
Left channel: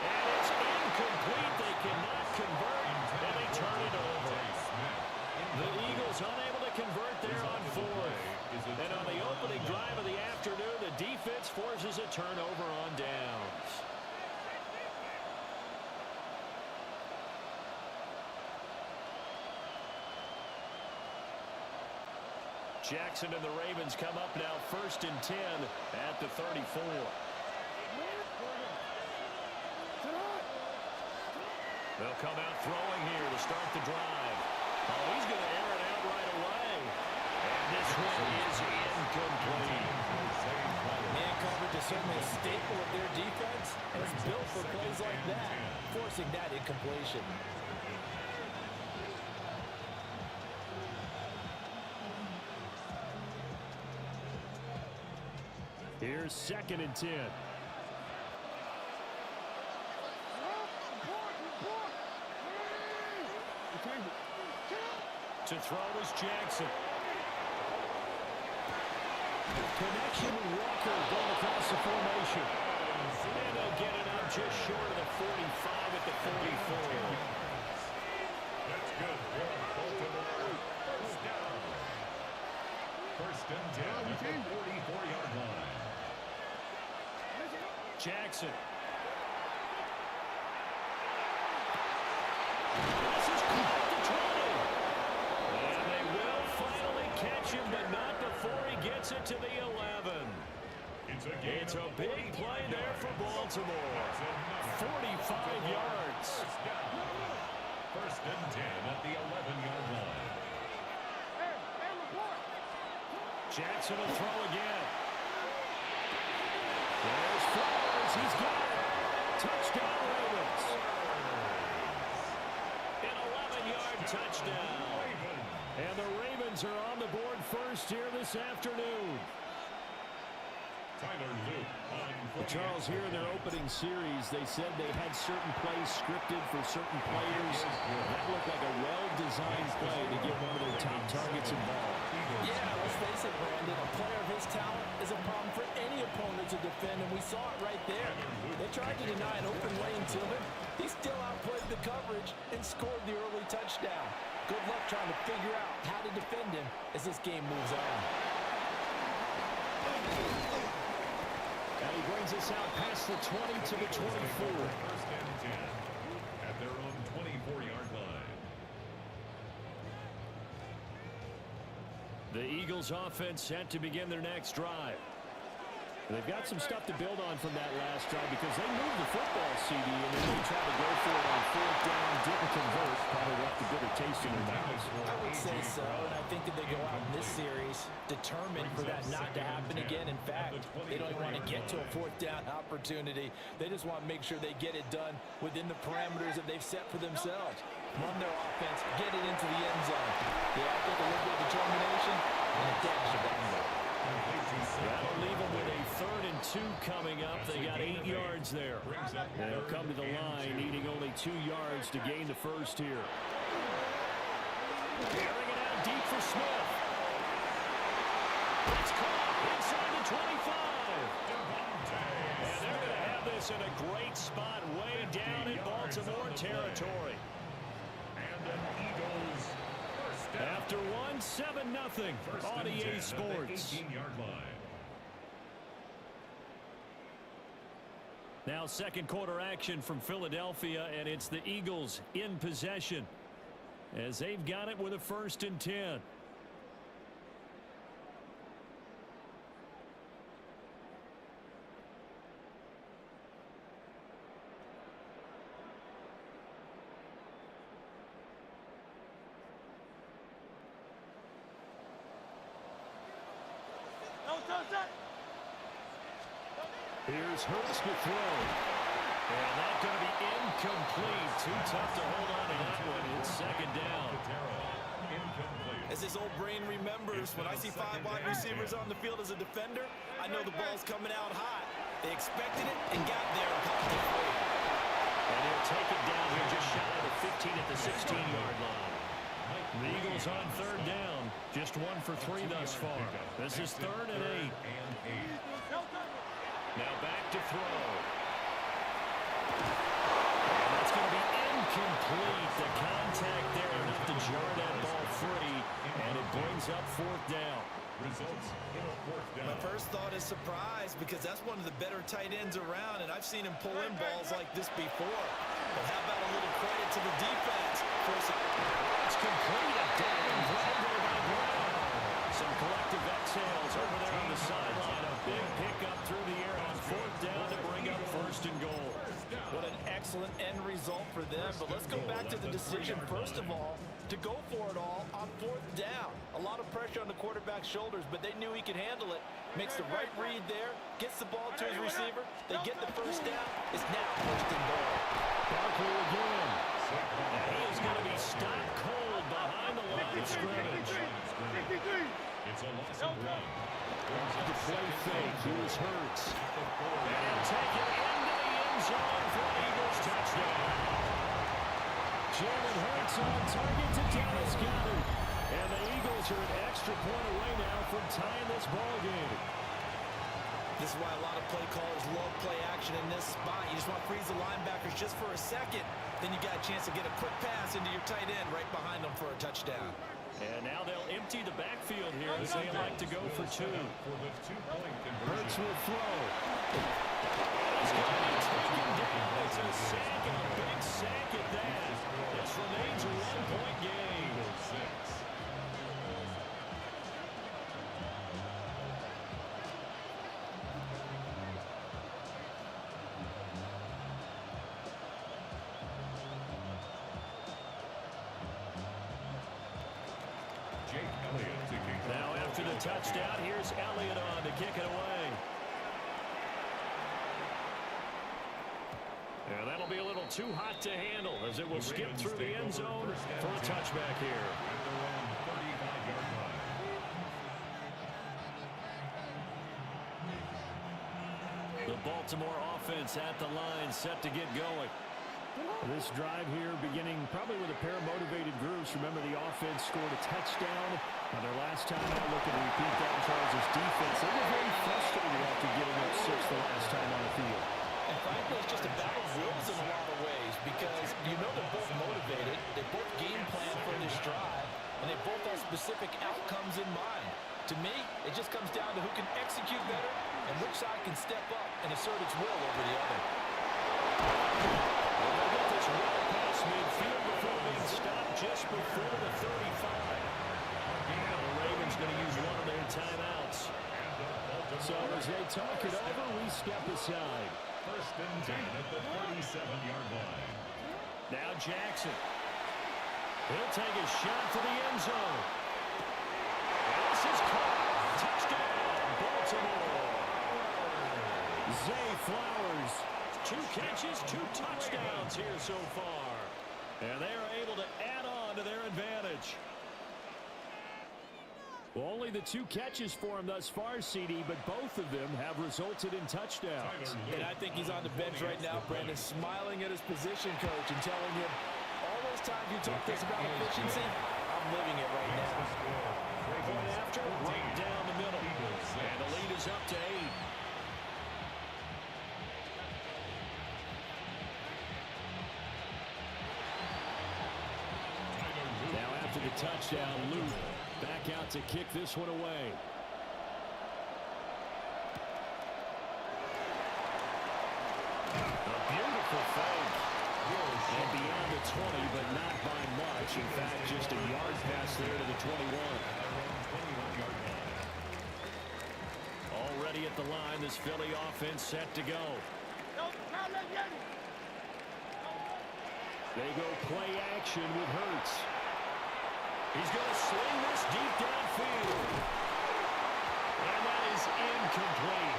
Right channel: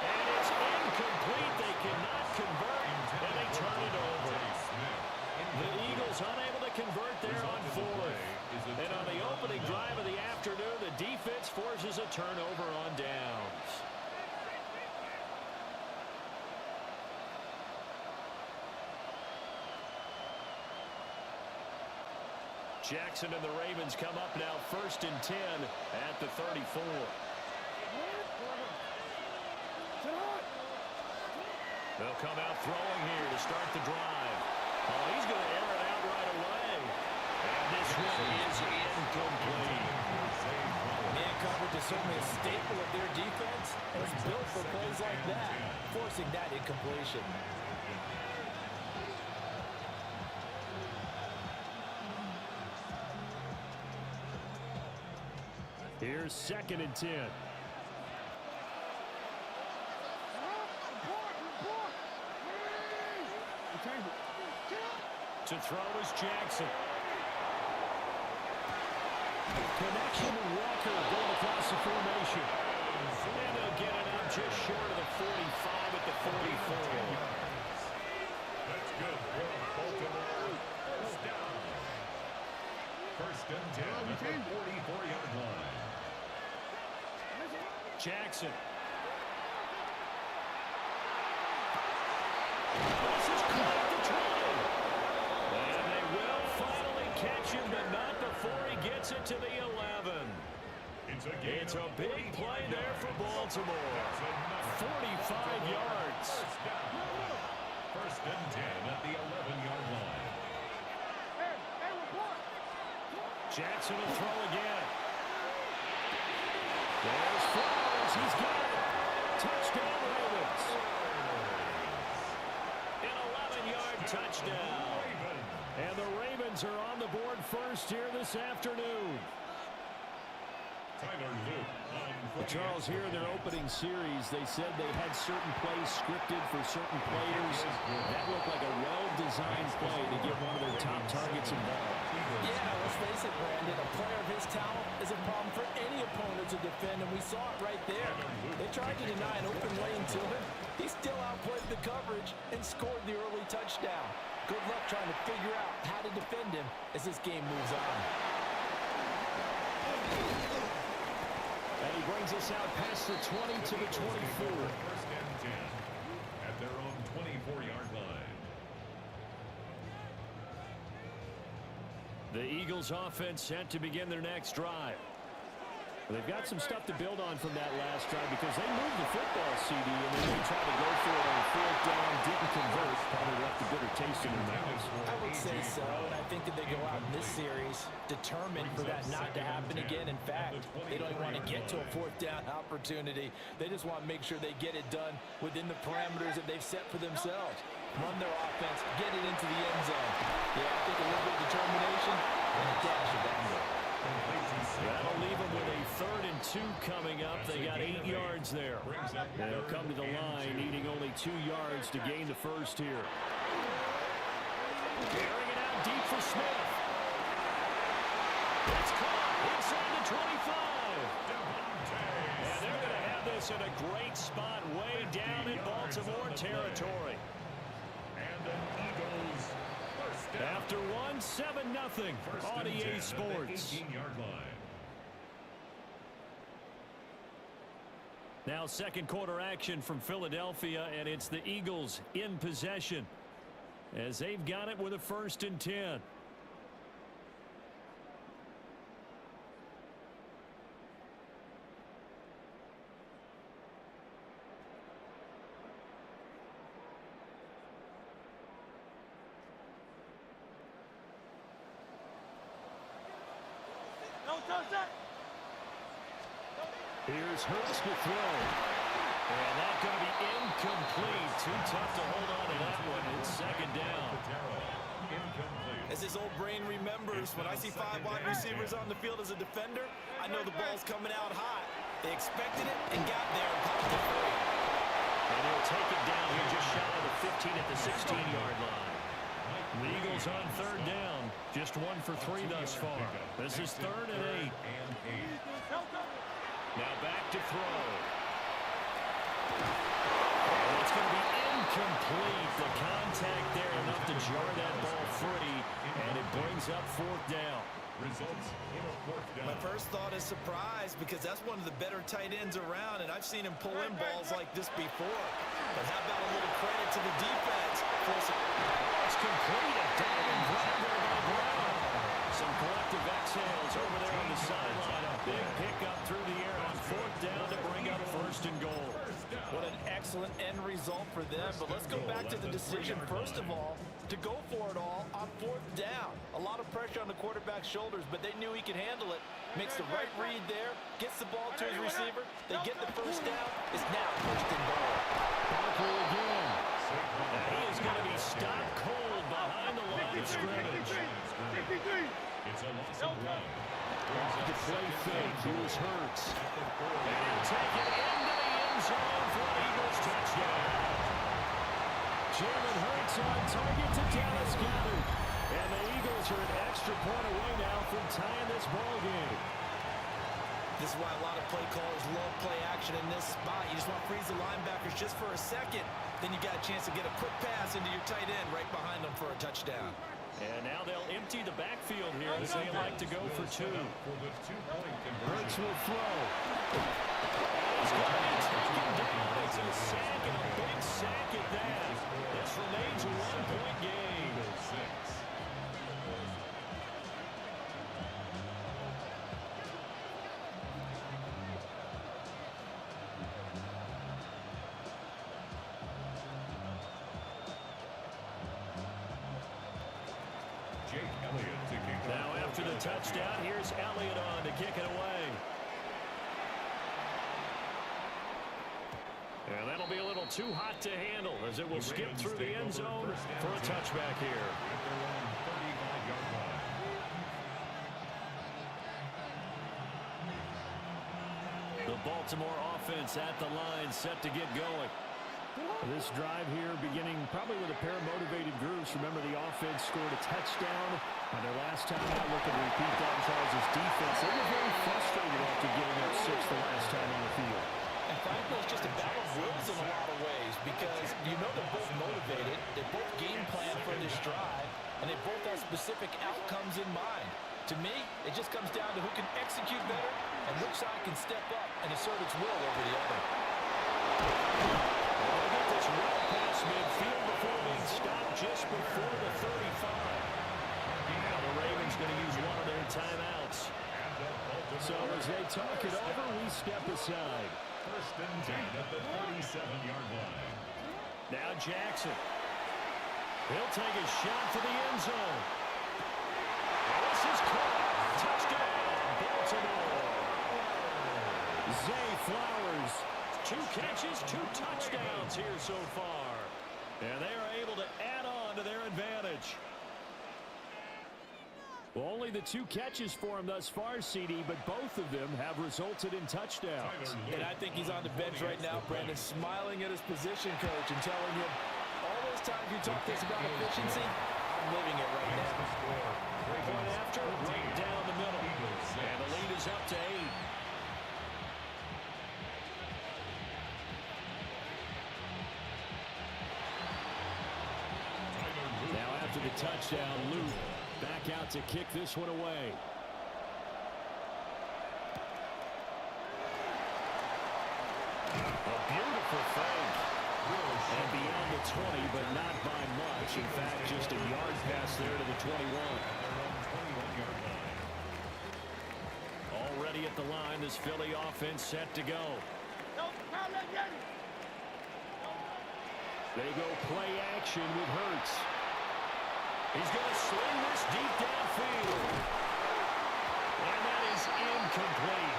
And it's incomplete. They cannot convert, and they turn it over. The Eagles unable to convert there on 4th. And on the opening drive of the afternoon, the defense forces a turnover on downs. Jackson and the Ravens come up now 1st and 10 at the 34. They'll come out throwing here to start the drive. Oh, he's going to air it out right away. And this one is incomplete. Man coverage is certainly a staple of their defense, and it's built for plays like that, forcing that incompletion. Here's 2nd and 10. To throw is Jackson. Connection to Walker going across the formation. And they'll get it up just short of the 45 at the 44. That's good for Baltimore. First down. 1st and 10 at the 44-yard line. Jackson. This is caught at the 20. And they will finally catch him, but not before he gets it to the 11. It's a big play there for Baltimore. 45 yards. 1st and 10 at the 11-yard line. Jackson will throw again. There's Flowers. He's got it. Touchdown, Ravens. An 11-yard touchdown. And the Ravens are on the board first here this afternoon. Tyler Luke on Well, Charles, here in their opening series, they said they had certain plays scripted for certain players. That looked like a well-designed play to get one of their top targets involved. Yeah, let's face it, Brandon. A player of his talent is a problem for any opponent to defend, and we saw it right there. They tried to deny an open lane to him. He still outplayed the coverage and scored the early touchdown. Good luck trying to figure out how to defend him as this game moves on. And he brings us out past the 20 to the 24. 1st and 10 at their own 24-yard line. The Eagles offense set to begin their next drive. They've got some stuff to build on from that last drive because they moved the football, CD, and then they tried to go for it on 4th down, didn't convert, probably left a bitter taste in their mouths. I would say so, and I think that they go out in this series determined for that not to happen again. In fact, they don't even want to get to a 4th down opportunity. They just want to make sure they get it done within the parameters that they've set for themselves. Run their offense, get it into the end zone. Yeah, I think a little bit of determination and a dash of anger. That'll leave them with a 3rd and 2 coming up. They got 8 yards there. They'll come to the line, needing only 2 yards to gain the first here. Carrying it out deep for Smith. It's caught inside the 25. And they're going to have this in a great spot way down in Baltimore territory. And an Eagles first down. After 7-0 on EA Sports. 18-yard line. Now second quarter action from Philadelphia, and it's the Eagles in possession as they've got it with a 1st and 10. Here's Hurts to throw. And that's going to be incomplete. Too tough to hold on to that one. It's 2nd down. As his old brain remembers, when I see 5 wide receivers on the field as a defender, I know the ball's coming out hot. They expected it and got there and popped it free. And he'll take it down here just shy of the 15 at the 16-yard line. The Eagles on 3rd down. Just 1 for 3 thus far. This is 3rd and 8. Now back to throw. And that's going to be incomplete. The contact there enough to jar that ball free, and it brings up 4th down. Results in a 4th down. My first thought is surprise because that's one of the better tight ends around, and I've seen him pull in balls like this before. But how about a little credit to the defense? It's complete. A diving grab there by Brown. Some collective exhales over there on the sideline. A big pickup through the air on 4th down to bring up 1st and goal. What an excellent end result for them. But let's go back to the decision, first of all, to go for it all on 4th down. A lot of pressure on the quarterback's shoulders, but they knew he could handle it. Makes the right read there, gets the ball to his receiver. They get the 1st down. It's now 1st and goal. Barkley again. And he is going to be stopped cold behind the line of scrimmage. It's a loss of 1. Off the play fake. Here's Hurts. And he'll take it into the end zone for an Eagles touchdown. Jalen Hurts on target to Dallas Goedert. And the Eagles are an extra point away now from tying this ball game. This is why a lot of play callers love play action in this spot. You just want to freeze the linebackers just for a second. Then you got a chance to get a quick pass into your tight end right behind them for a touchdown. And now they'll empty the backfield here as they like to go for 2. Hurts will throw. He's got to be taken down. It's a sack and a big sack at that. This remains a 1-point game. Now after the touchdown, here's Elliott on to kick it away. And that'll be a little too hot to handle as it will skip through the end zone for a touchback here. At their own 35-yard line. The Baltimore offense at the line set to get going. This drive here beginning probably with a pair of motivated groups. Remember, the offense scored a touchdown on their last time out. Looking to repeat that in Charles' defense. They were very frustrated after getting up 6 the last time on the field. And frankly, it's just a battle of wills in a lot of ways because you know they're both motivated. They both game plan for this drive, and they both have specific outcomes in mind. To me, it just comes down to who can execute better and which side can step up and assert its will over the other. And they'll get this well past midfield before being stopped just before the 35. Now the Ravens going to use one of their timeouts. So as they talk it over, we step aside. 1st and 10 at the 37-yard line. Now Jackson. He'll take a shot for the end zone. And this is caught. Touchdown, Baltimore. Zay Flowers. 2 catches, 2 touchdowns here so far. And they are able to add on to their advantage. Well, only the 2 catches for him thus far, CD, but both of them have resulted in touchdowns. And I think he's on the bench right now, Brandon, smiling at his position coach and telling him, all those times you talk this about efficiency, I'm living it right now. Point after, right down the middle. And the lead is up to 8. Now after the touchdown, Luke back out to kick this one away. A beautiful fake. And beyond the 20, but not by much. In fact, just a yard pass there to the 21. Already at the line, this Philly offense set to go. They go play action with Hurts. He's going to sling this deep downfield. And that is incomplete.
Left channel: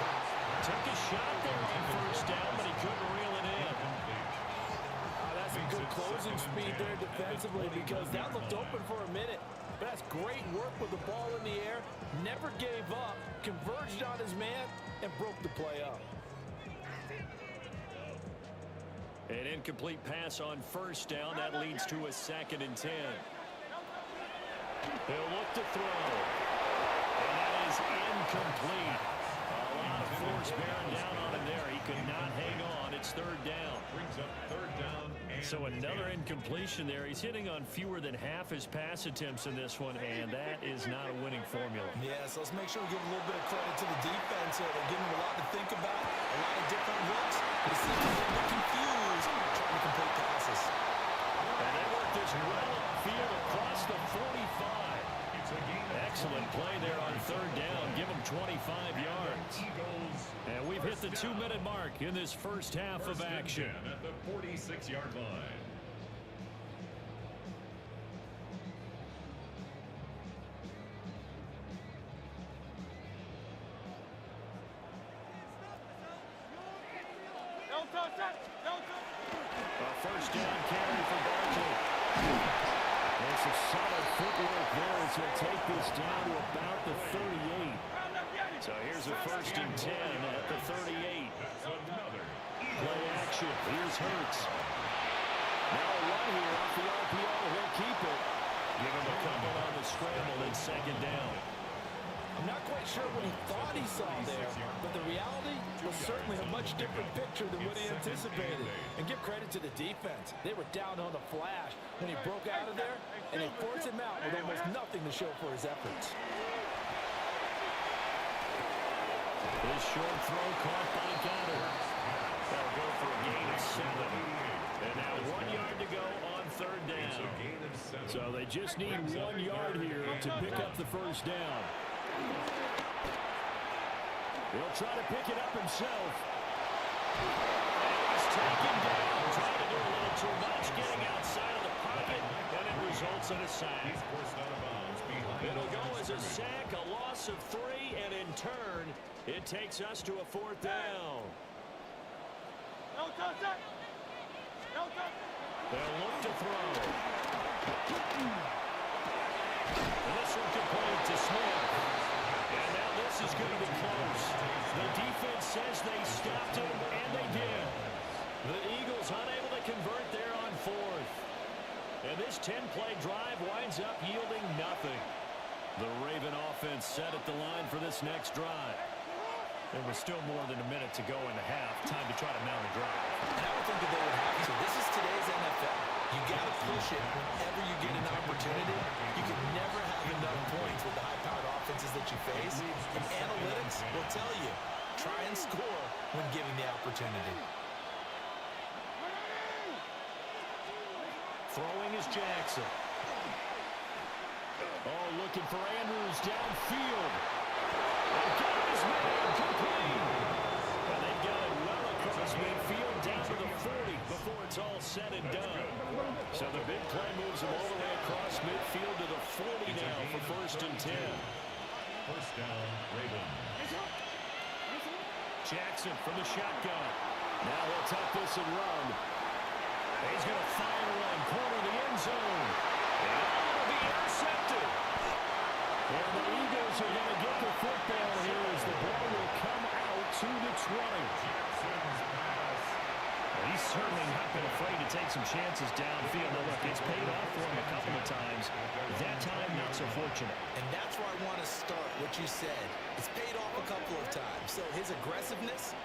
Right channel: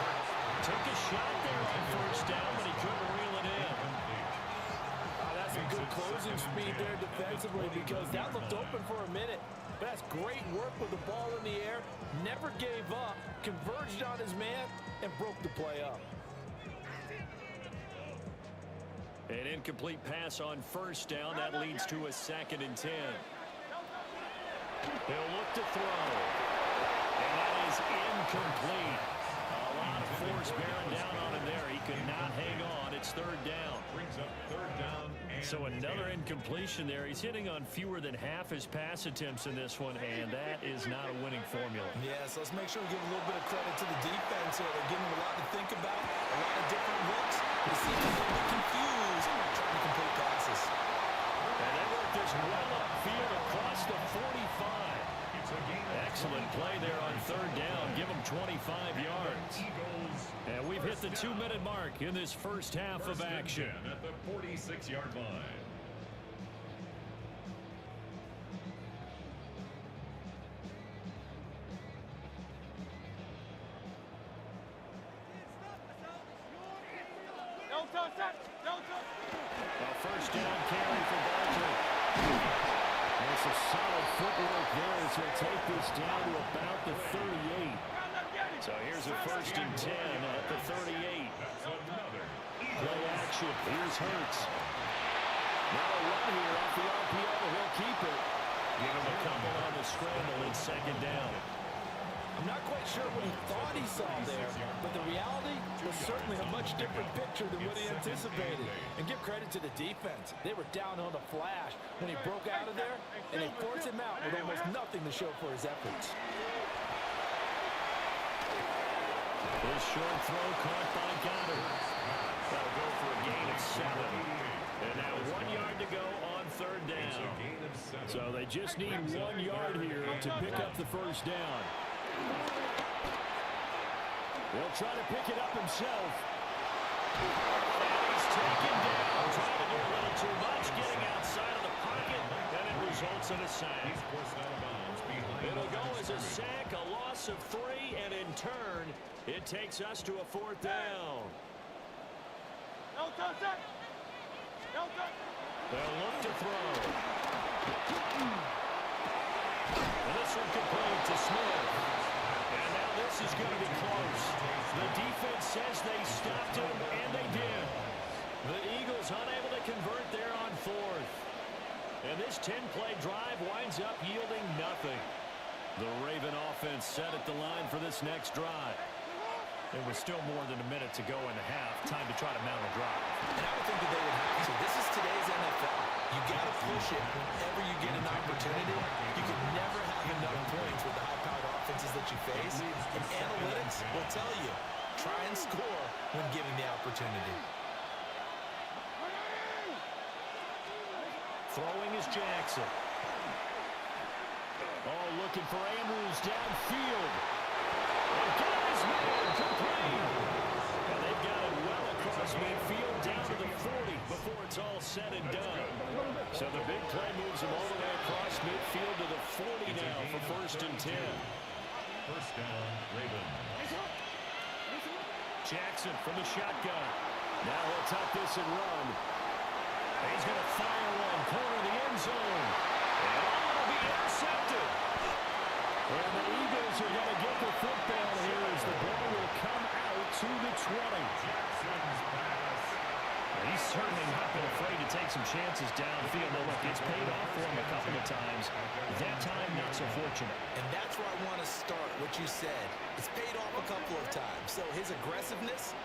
Took a shot there on first down, but he couldn't reel it in. That's some good closing speed there defensively because that looked open for a minute. But that's great work with the ball in the air. Never gave up, converged on his man, and broke the play up. An incomplete pass on first down. That leads to a 2nd and 10. He'll look to throw. And that is incomplete. A lot of force bearing down on him there. He could not hang on. It's 3rd down. Brings up 3rd down. So another incompletion there. He's hitting on fewer than half his pass attempts in this one, and that is not a winning formula. Yes, let's make sure we give a little bit of credit to the defense here. They're giving him a lot to think about, a lot of different looks. They seem a little bit confused trying to complete passes. And they work this well upfield across the 45. Excellent play there on 3rd down. Give them 25 yards. And we've hit the 2-minute mark in this first half of action. At the 46-yard line. A first down carry for Barkley. And some solid footwork there as he'll take this down to about the 38. So here's a 1st and 10 at the 38. Play action. Here's Hurts. Now a run here off the RPO. He'll keep it. Give him a couple on the scramble in 2nd down. I'm not quite sure what he thought he saw there, but the reality was certainly a much different picture than what he anticipated. And give credit to the defense. They were down on the flash when he broke out of there, and they forced him out with almost nothing to show for his efforts. His short throw caught by Goddard. That'll go for a gain of 7. And now 1 yard to go on 3rd down. So they just need 1 yard here to pick up the first down. He'll try to pick it up himself. And he's taken down. Trying to do a little too much, getting outside of the pocket, and it results in a sack. It'll go as a sack, a loss of 3, and in turn, it takes us to a 4th down. They'll look to throw. And this one complete to Smith. And now this is going to be close. The defense says they stopped him, and they did. The Eagles unable to convert there on 4th. And this 10-play drive winds up yielding nothing. The Raven offense set at the line for this next drive. There was still more than a minute to go in the half. Time to try to mount a drive. And I would think that they would have to. This is today's NFL. You got to push it whenever you get an opportunity. You can never have enough points with the high-powered offenses that you face. And analytics will tell you, try and score when given the opportunity. Throwing is Jackson. Oh, looking for Andrews downfield. And got his man complete. And they've got it well across midfield down to the 40 before it's all said and done. So the big play moves him all the way across midfield to the 40 now for 1st and 10. First down, Ravens. Jackson from the shotgun. Now he'll tuck this and run. He's going to fire one, corner of the end zone. And it'll be intercepted. And the Eagles are going to get the football here as the ball will come out to the 20. Jackson's pass. He's certainly not been afraid to take some chances downfield. Now, look, it's paid off for him a couple of times. That time, not so fortunate. And that's where I want to start, what you said. It's paid off a couple of times. So his aggressiveness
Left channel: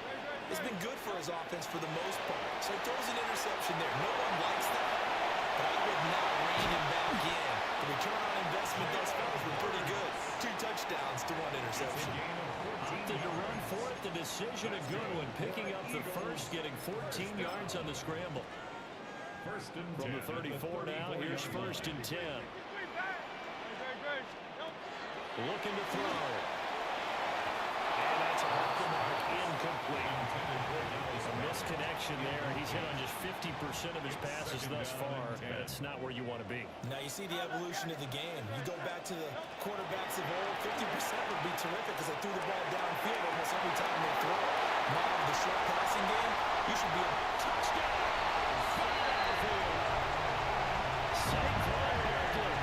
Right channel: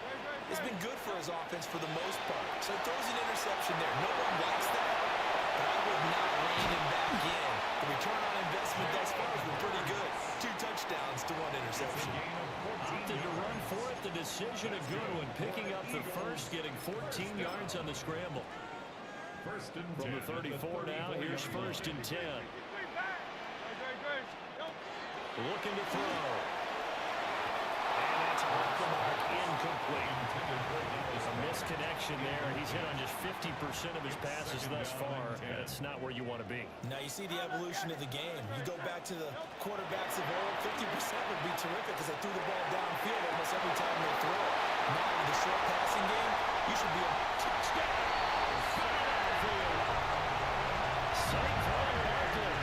has been good for his offense for the most part. So he throws an interception there. No one likes that, but I would not rein him back in The return on investment thus far has been pretty good. 2 touchdowns to 1 interception. Opted to run for it. The decision a good one. Picking up the first, getting 14 yards on the scramble. From the 34 now, here's 1st and 10. Looking to throw. And that's off the mark, incomplete. A misconnection there. He's hit on just 50% of his passes thus far. That's not where you want to be. Now you see the evolution of the game. You go back to the quarterbacks of old, 50% would be terrific because they threw the ball downfield almost every time they throw it. Now with the short passing game, you should be a Touchdown! Philadelphia! Saquon Barkley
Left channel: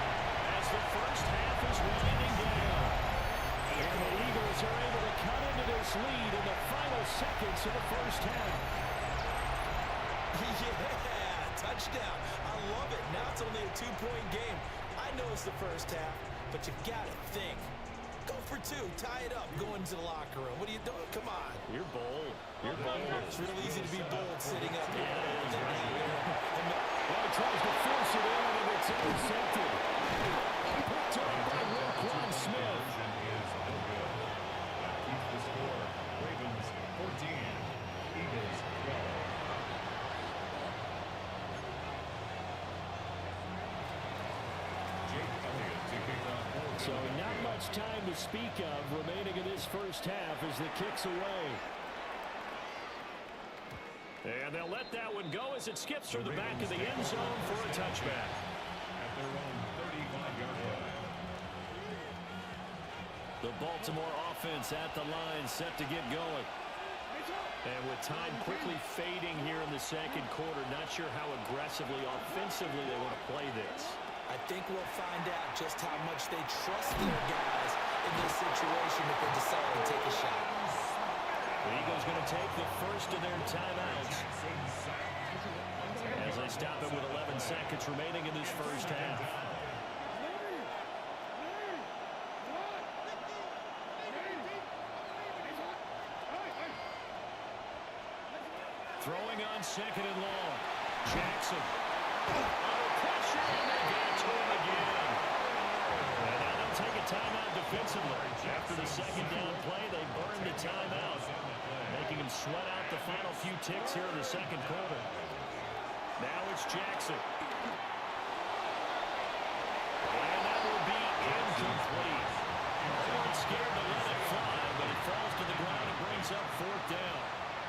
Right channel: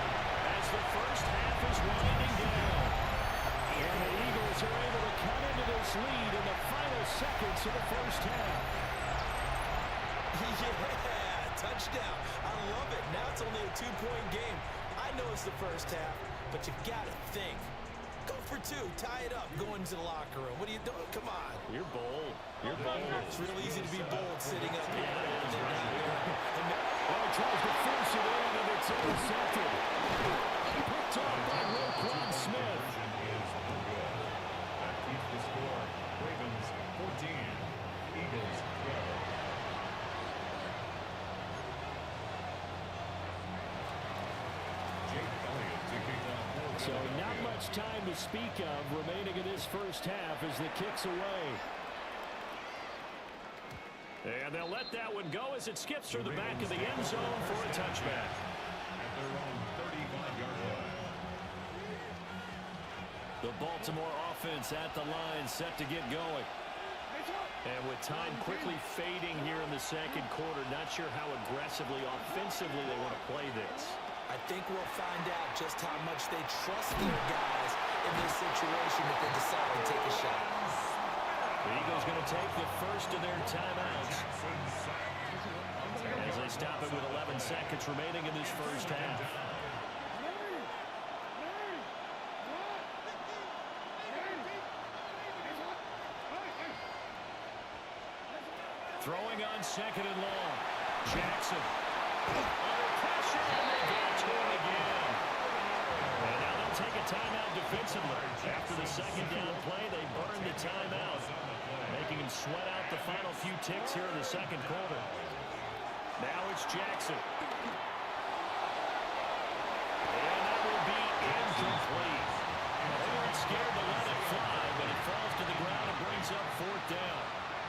as the first half is winding down. And the Eagles are able to cut into this lead in the final seconds of the first half. Yeah, touchdown. I love it. Now it's only a 2-point game. I know it's the first half, but you got to think. Go for 2. Tie it up. Go into the locker room. What are you doing? Come on. You're bold. You're bold. It's real easy to be bold sitting up here. Well, he tries to force it in, and it's intercepted. Picked off by Roquan Smith. That keeps the score. Ravens 14, Eagles 12. Jake Elliott to kick off for So not much time to speak of remaining in this first half as the kick's away. And they'll let that one go as it skips through the back of the end zone for a touchback. At their own 35-yard line. The Baltimore offense at the line set to get going. And with time quickly fading here in the second quarter, not sure how aggressively, offensively they want to play this. I think we'll find out just how much they trust their guys in this situation if they decide to take a shot. The Eagles going to take the first of their timeouts as they stop it with 11 seconds remaining in this first half. Throwing on 2nd and long. Jackson under pressure, and they got to him again. And now they'll take a timeout defensively. After the second down play, they burn the timeout, making him sweat out the final few ticks here in the second quarter. Now it's Jackson. And that will be incomplete. They weren't scared to let it fly, but it falls to the ground and brings up 4th down.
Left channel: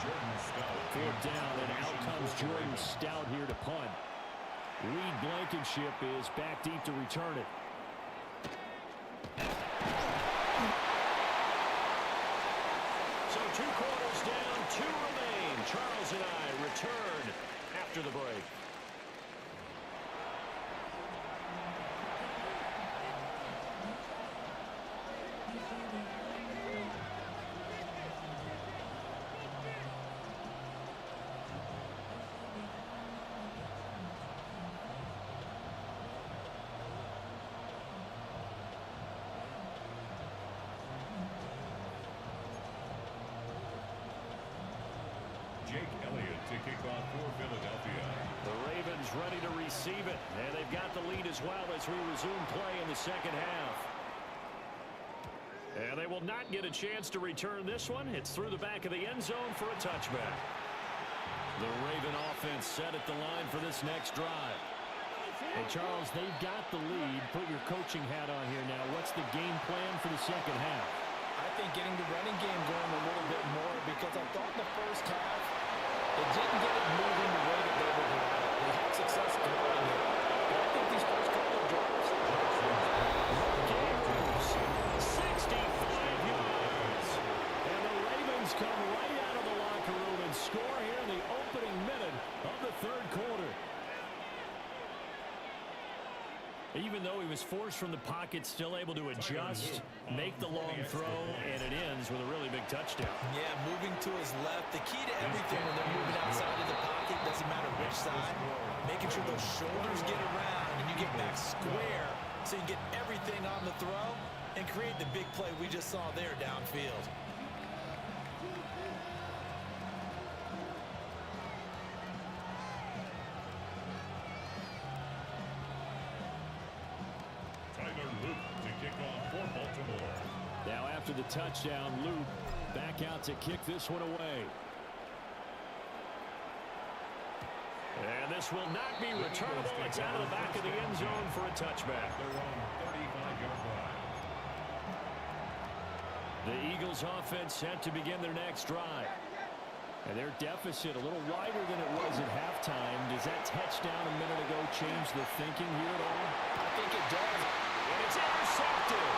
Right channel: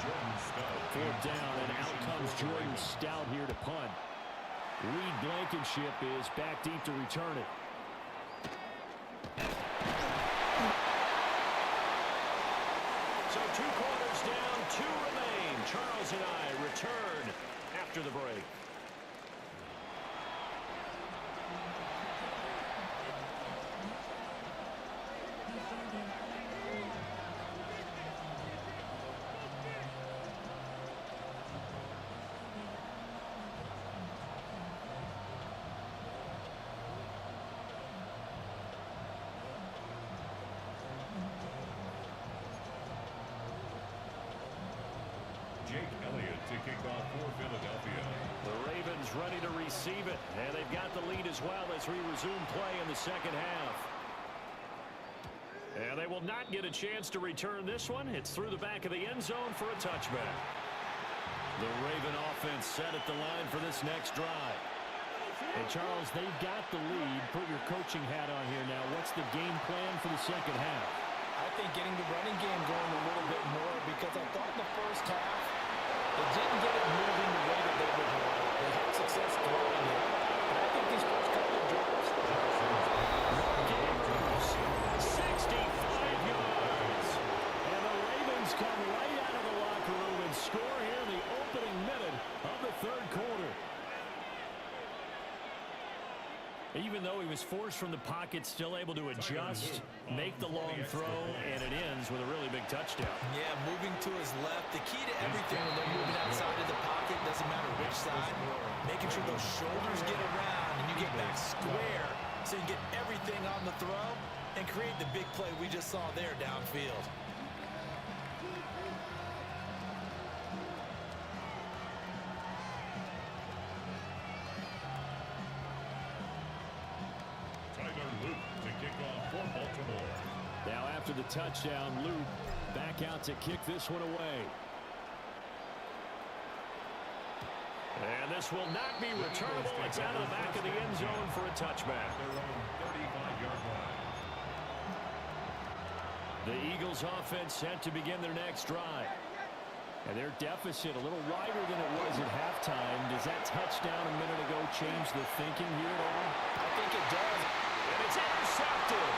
4th down, and out comes Jordan Stout here to punt. Reed Blankenship is back deep to return it. So 2 quarters down, 2 remain. Charles and I return after the break. Jake Elliott to kick off for Philadelphia. The Ravens ready to receive it, and they've got the lead as well as we resume play in the second half. And they will not get a chance to return this one. It's through the back of the end zone for a touchback. The Raven offense set at the line for this next drive. And Charles, they've got the lead. Put your coaching hat on here now. What's the game plan for the second half? I think getting the running game going a little bit more because I thought in the first half it didn't get it moving the way that they would want it. They had success throwing it. But I think these first couple of drives, Mark Andrews, 65 yards. And the Ravens come right out of the locker room and score here in the opening minute of the third quarter. Even though he was forced from the pocket, still able to adjust, make the long throw, and it ends with a really big touchdown. yeah, moving to his left. The key to everything when they're moving outside of the pocket, doesn't matter which side, making sure those shoulders get around and you get back square so you get everything on the throw and create the big play we just saw there downfield. after the touchdown. Luke back out to kick this one away. And this will not be returnable. It's out of the back of the end zone for a touchback. Their own 35-yard line. The Eagles offense set to begin their next drive. And their deficit a little wider than it was at halftime. Does that touchdown a minute ago change the thinking here at all? I think it does. And it's intercepted.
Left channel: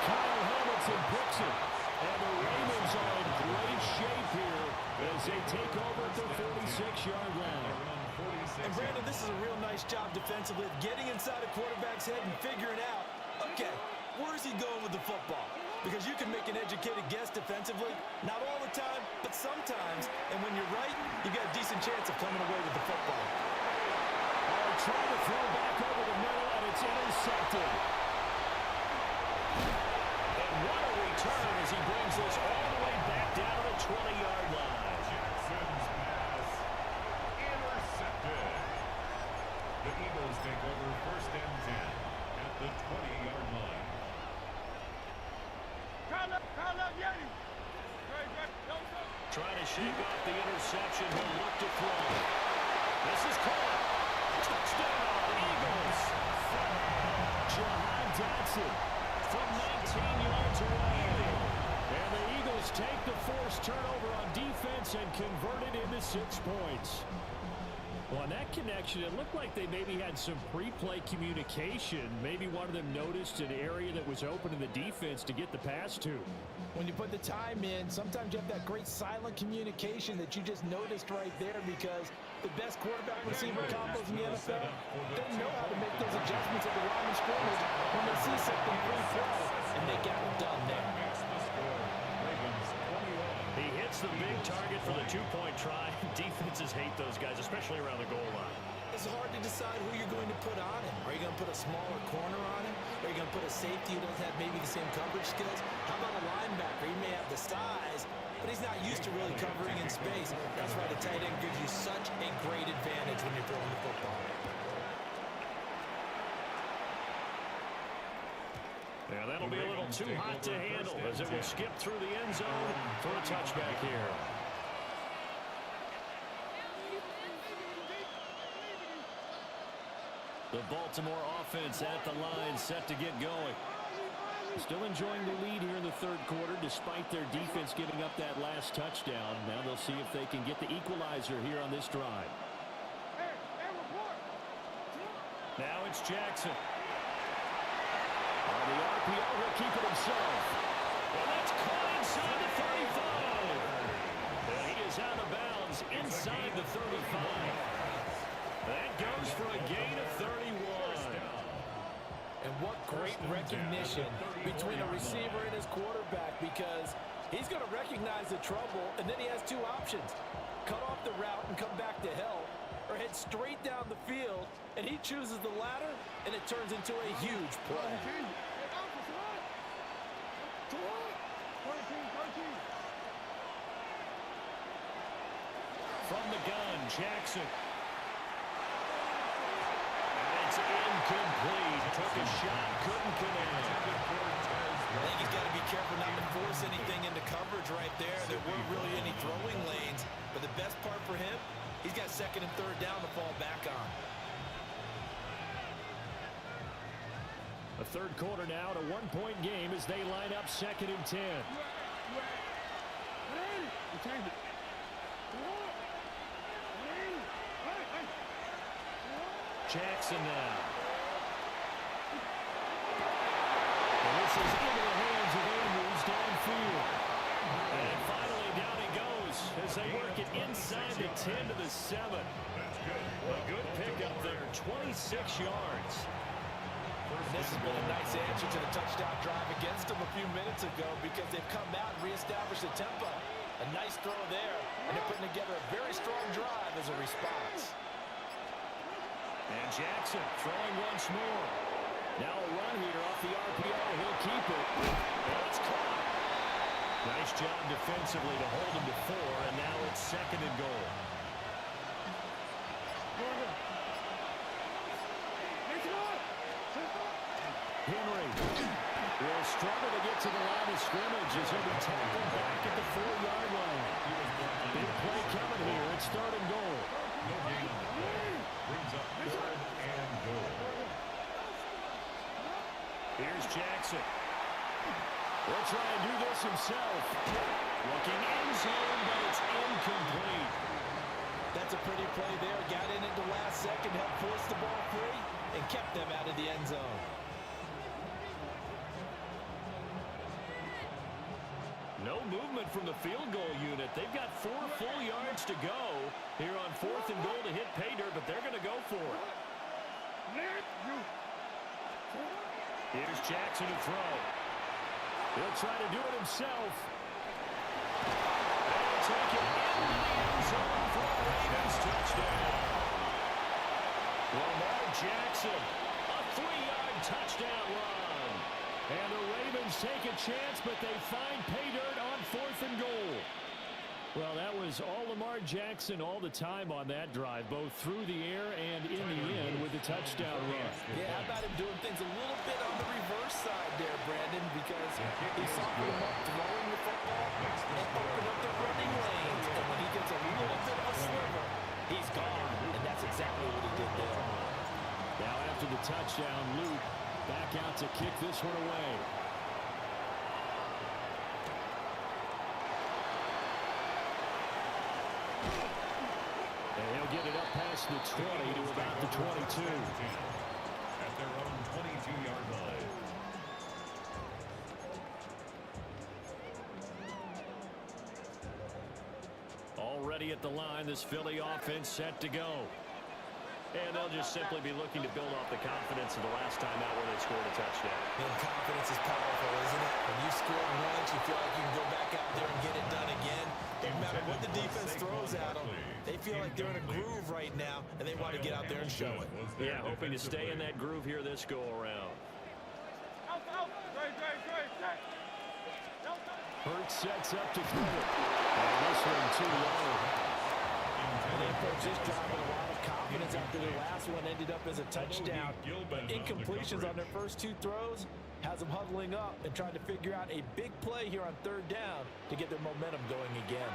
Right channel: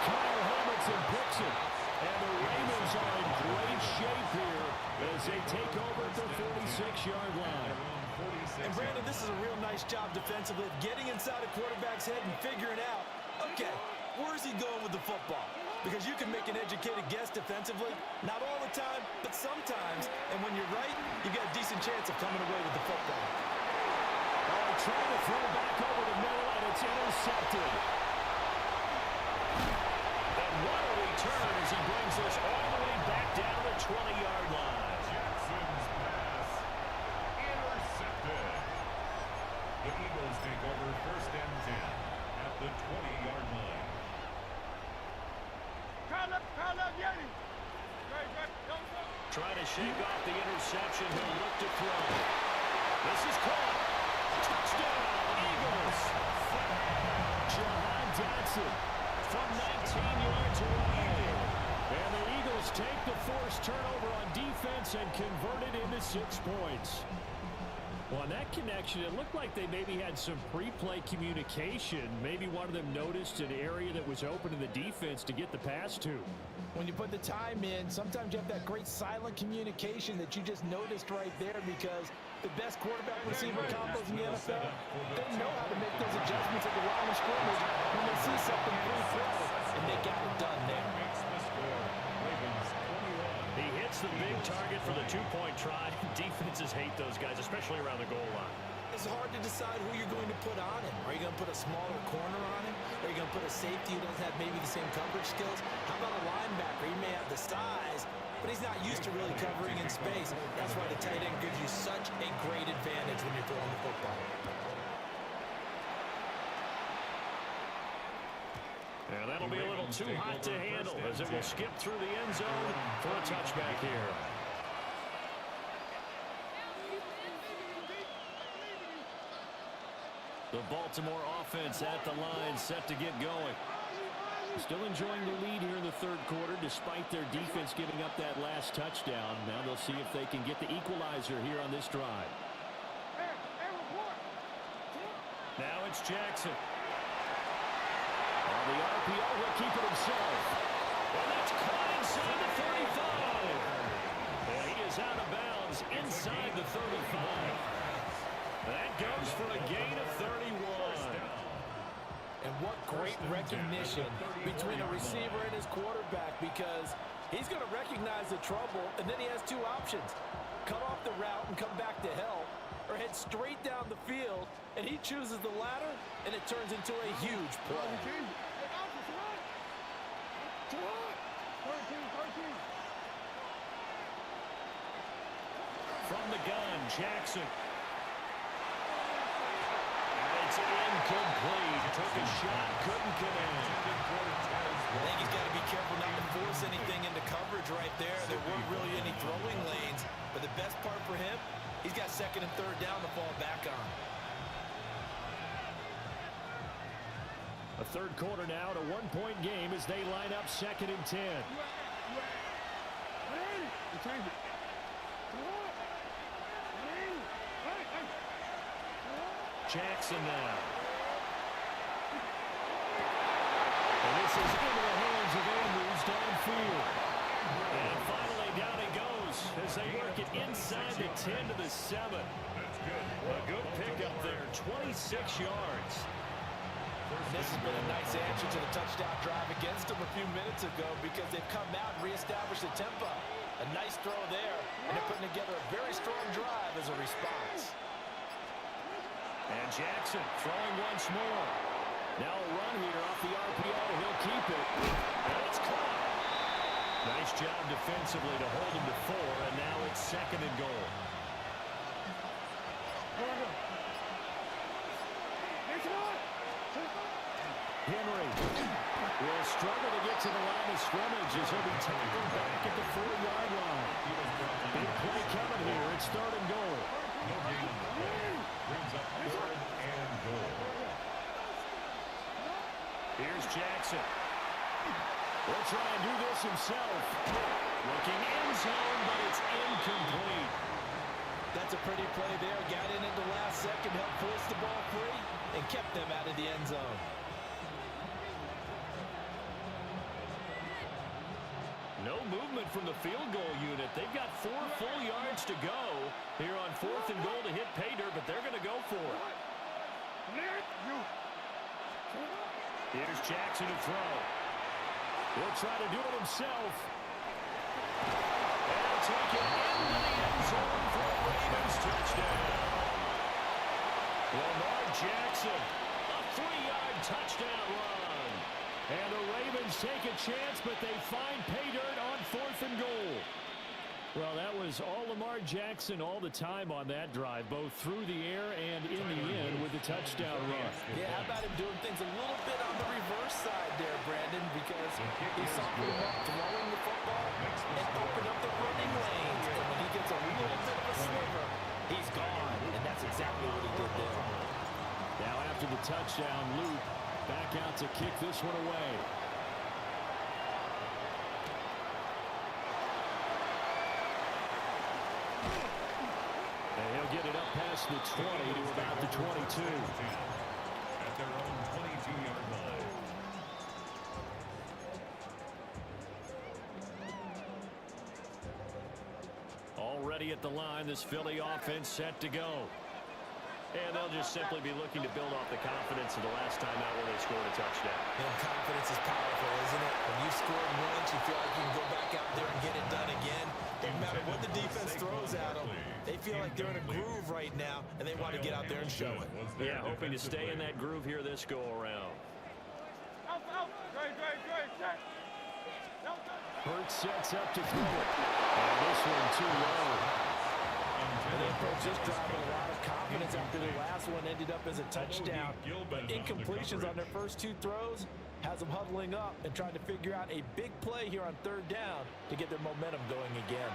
Kyle Hamilton picks it. And the Ravens are in great shape here as they take over at their 46-yard line. And Brandon, this is a real nice job defensively of getting inside a quarterback's head and figuring out, okay, where is he going with the football? Because you can make an educated guess defensively, not all the time, but sometimes. And when you're right, you've got a decent chance of coming away with the football. Oh, trying to throw back over the middle, and it's intercepted. And what a return as he brings this all the way back down to the 20-yard line. Jackson's pass intercepted. The Eagles take over 1st and 10 at the 20-yard line. Trying to shake off the interception. He'll look to throw. This is caught. Touchdown, Eagles. Jahan Dotson from 19 yards away. And the Eagles take the forced turnover on defense and convert it into 6 points. Well, on that connection, it looked like they maybe had some pre-play communication. Maybe one of them noticed an area that was open in the defense to get the pass to. When you put the time in, sometimes you have that great silent communication that you just noticed right there, because the best quarterback receiver combos in the NFL, they know how to make those adjustments at the line of scrimmage when they see something pre-play, and they got it done there. Makes the score. Ravens 21. He hits the big target for the 2-point try. Defenses hate those guys, especially around the goal line. It's hard to decide who you're going to put on him. Are you going to put a smaller corner on him? Are you going to put a safety who doesn't have maybe the same coverage skills? How about a linebacker? He may have the size, but he's not used to really covering in space. That's why the tight end gives you such a great advantage when you're throwing the football. Yeah, that'll be a little too hot to handle as it will skip through the end zone for a touchback here. The Baltimore offense at the line, set to get going. Still enjoying the lead here in the 3rd quarter, despite their defense giving up that last touchdown. Now they'll see if they can get the equalizer here on this drive. Now it's Jackson. On the RPO, he'll keep it himself. And that's caught inside the 35. And he is out of bounds inside the 35. That goes for a gain of 31. And what great recognition between a receiver and his quarterback, because he's going to recognize the trouble, and then he has 2 options. Cut off the route and come back to help, or head straight down the field, and he chooses the latter, and it turns into a huge play. From the gun, Jackson. It's incomplete. Took a shot, couldn't connect. I think he's got to be careful not to force anything into coverage right there. There weren't really any throwing lanes, but the best part for him, he's got 2nd and 3rd down to fall back on. A 3rd quarter now, a 1-point game as they line up 2nd and 10. Jackson now. And this is into the hands of Andrews downfield. And finally down he goes as they work it inside the 10 to the 7. A good pickup there, 26 yards. And this has been a nice answer to the touchdown drive against them a few minutes ago, because they've come out and reestablished the tempo. A nice throw there, and they're putting together a very strong drive as a response. And Jackson throwing once more. Now a run here off the RPO. He'll keep it. And it's caught. Nice job defensively to hold him to 4, and now it's 2nd and goal. Henry will struggle to get to the line of scrimmage as he'll be tackled back at the 4-yard line. Big play coming here. It's 3rd and goal. No gain on the play. Brings up 3rd and goal. Here's Jackson. He'll try and do this himself. Looking end zone, but it's incomplete. That's a pretty play there. Got in at the last second, helped force the ball free, and kept them out of the end zone. No movement from the field goal unit. They've got 4 full yards to go here on 4th and goal to hit pay dirt, but they're going to go for it. Here's Jackson to throw. He'll try to do it himself. They'll take it into the end zone for a Ravens touchdown. Lamar Jackson, a 3-yard touchdown run. And the Ravens take a chance, but they find pay dirt on 4th and goal. Well, that was all Lamar Jackson all the time on that drive, both through the air and in the end with the touchdown run. Yeah, how about him doing things a little bit on the reverse side there, Brandon, because he softened him up throwing the football and opened up the running lanes. And when he gets a little bit of a sliver, he's gone. And that's exactly what he did there. Now after the touchdown, Luke back out to kick this one away. And he'll get it up past the 20 to about the 22. At their own 22-yard line. Already at the line, this Philly offense set to go. And they'll just simply be looking to build off the confidence of the last time out where they scored a touchdown. And confidence is powerful, isn't it? When you've scored once, you feel like you can go back out there and get it done again. No matter what the defense throws at them, they feel like they're in a groove right now, and they want to get out there and show it. Yeah, hoping to stay in that groove here this go-around. Hurts sets up to throw it. And this one too low. And they approach this drive with a lot of confidence after their last one ended up as a touchdown. But incompletions on their first 2 throws has them huddling up and trying to figure out a big play here on 3rd down to get their momentum going again.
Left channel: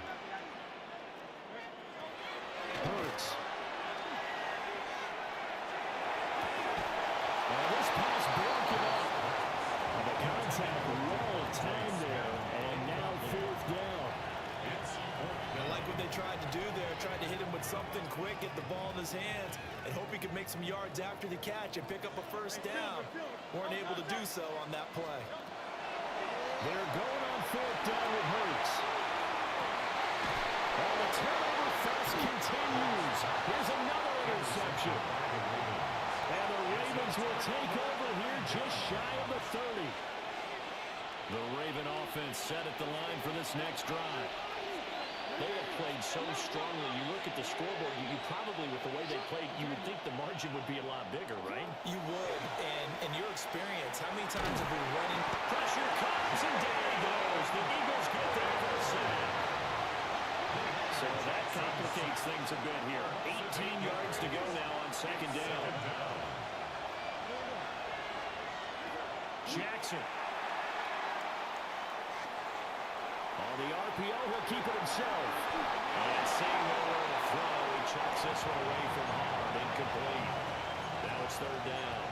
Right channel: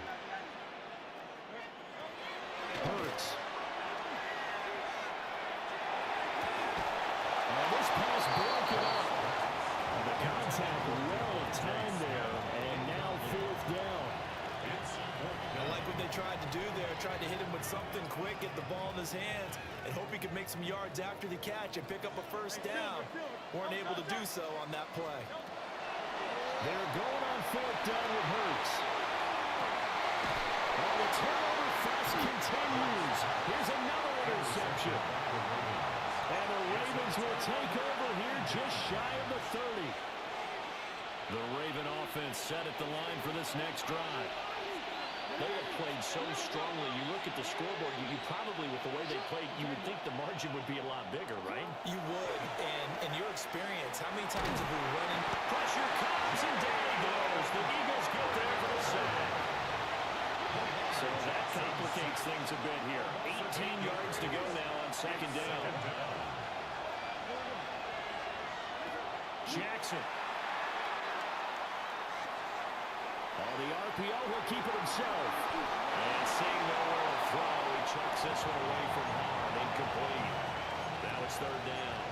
Hurts. And this pass broken up. And the contact well timed there. And now 4th down. I like what they tried to do there, tried to hit him with something quick, get the ball in his hands, and hope he could make some yards after the catch and pick up a 1st down. Weren't able to do so on that play. They're going on 4th down with Hurts. Oh, the turnover fest continues. Here's another interception. And the Ravens will take over here just shy of the 30. The Raven offense set at the line for this next drive. They have played so strongly. You look at the scoreboard, you probably, with the way they played, you would think the margin would be a lot bigger, right? You would. And in your experience, how many times have we run in? Pressure comes, and there he goes. The Eagles get there for the sack. So that complicates things a bit here. 18 yards to go now on 2nd down. Jackson. On the RPO, he'll keep it himself. And seeing nowhere to throw, he chucks this one away from hard. Incomplete. Now it's 3rd down.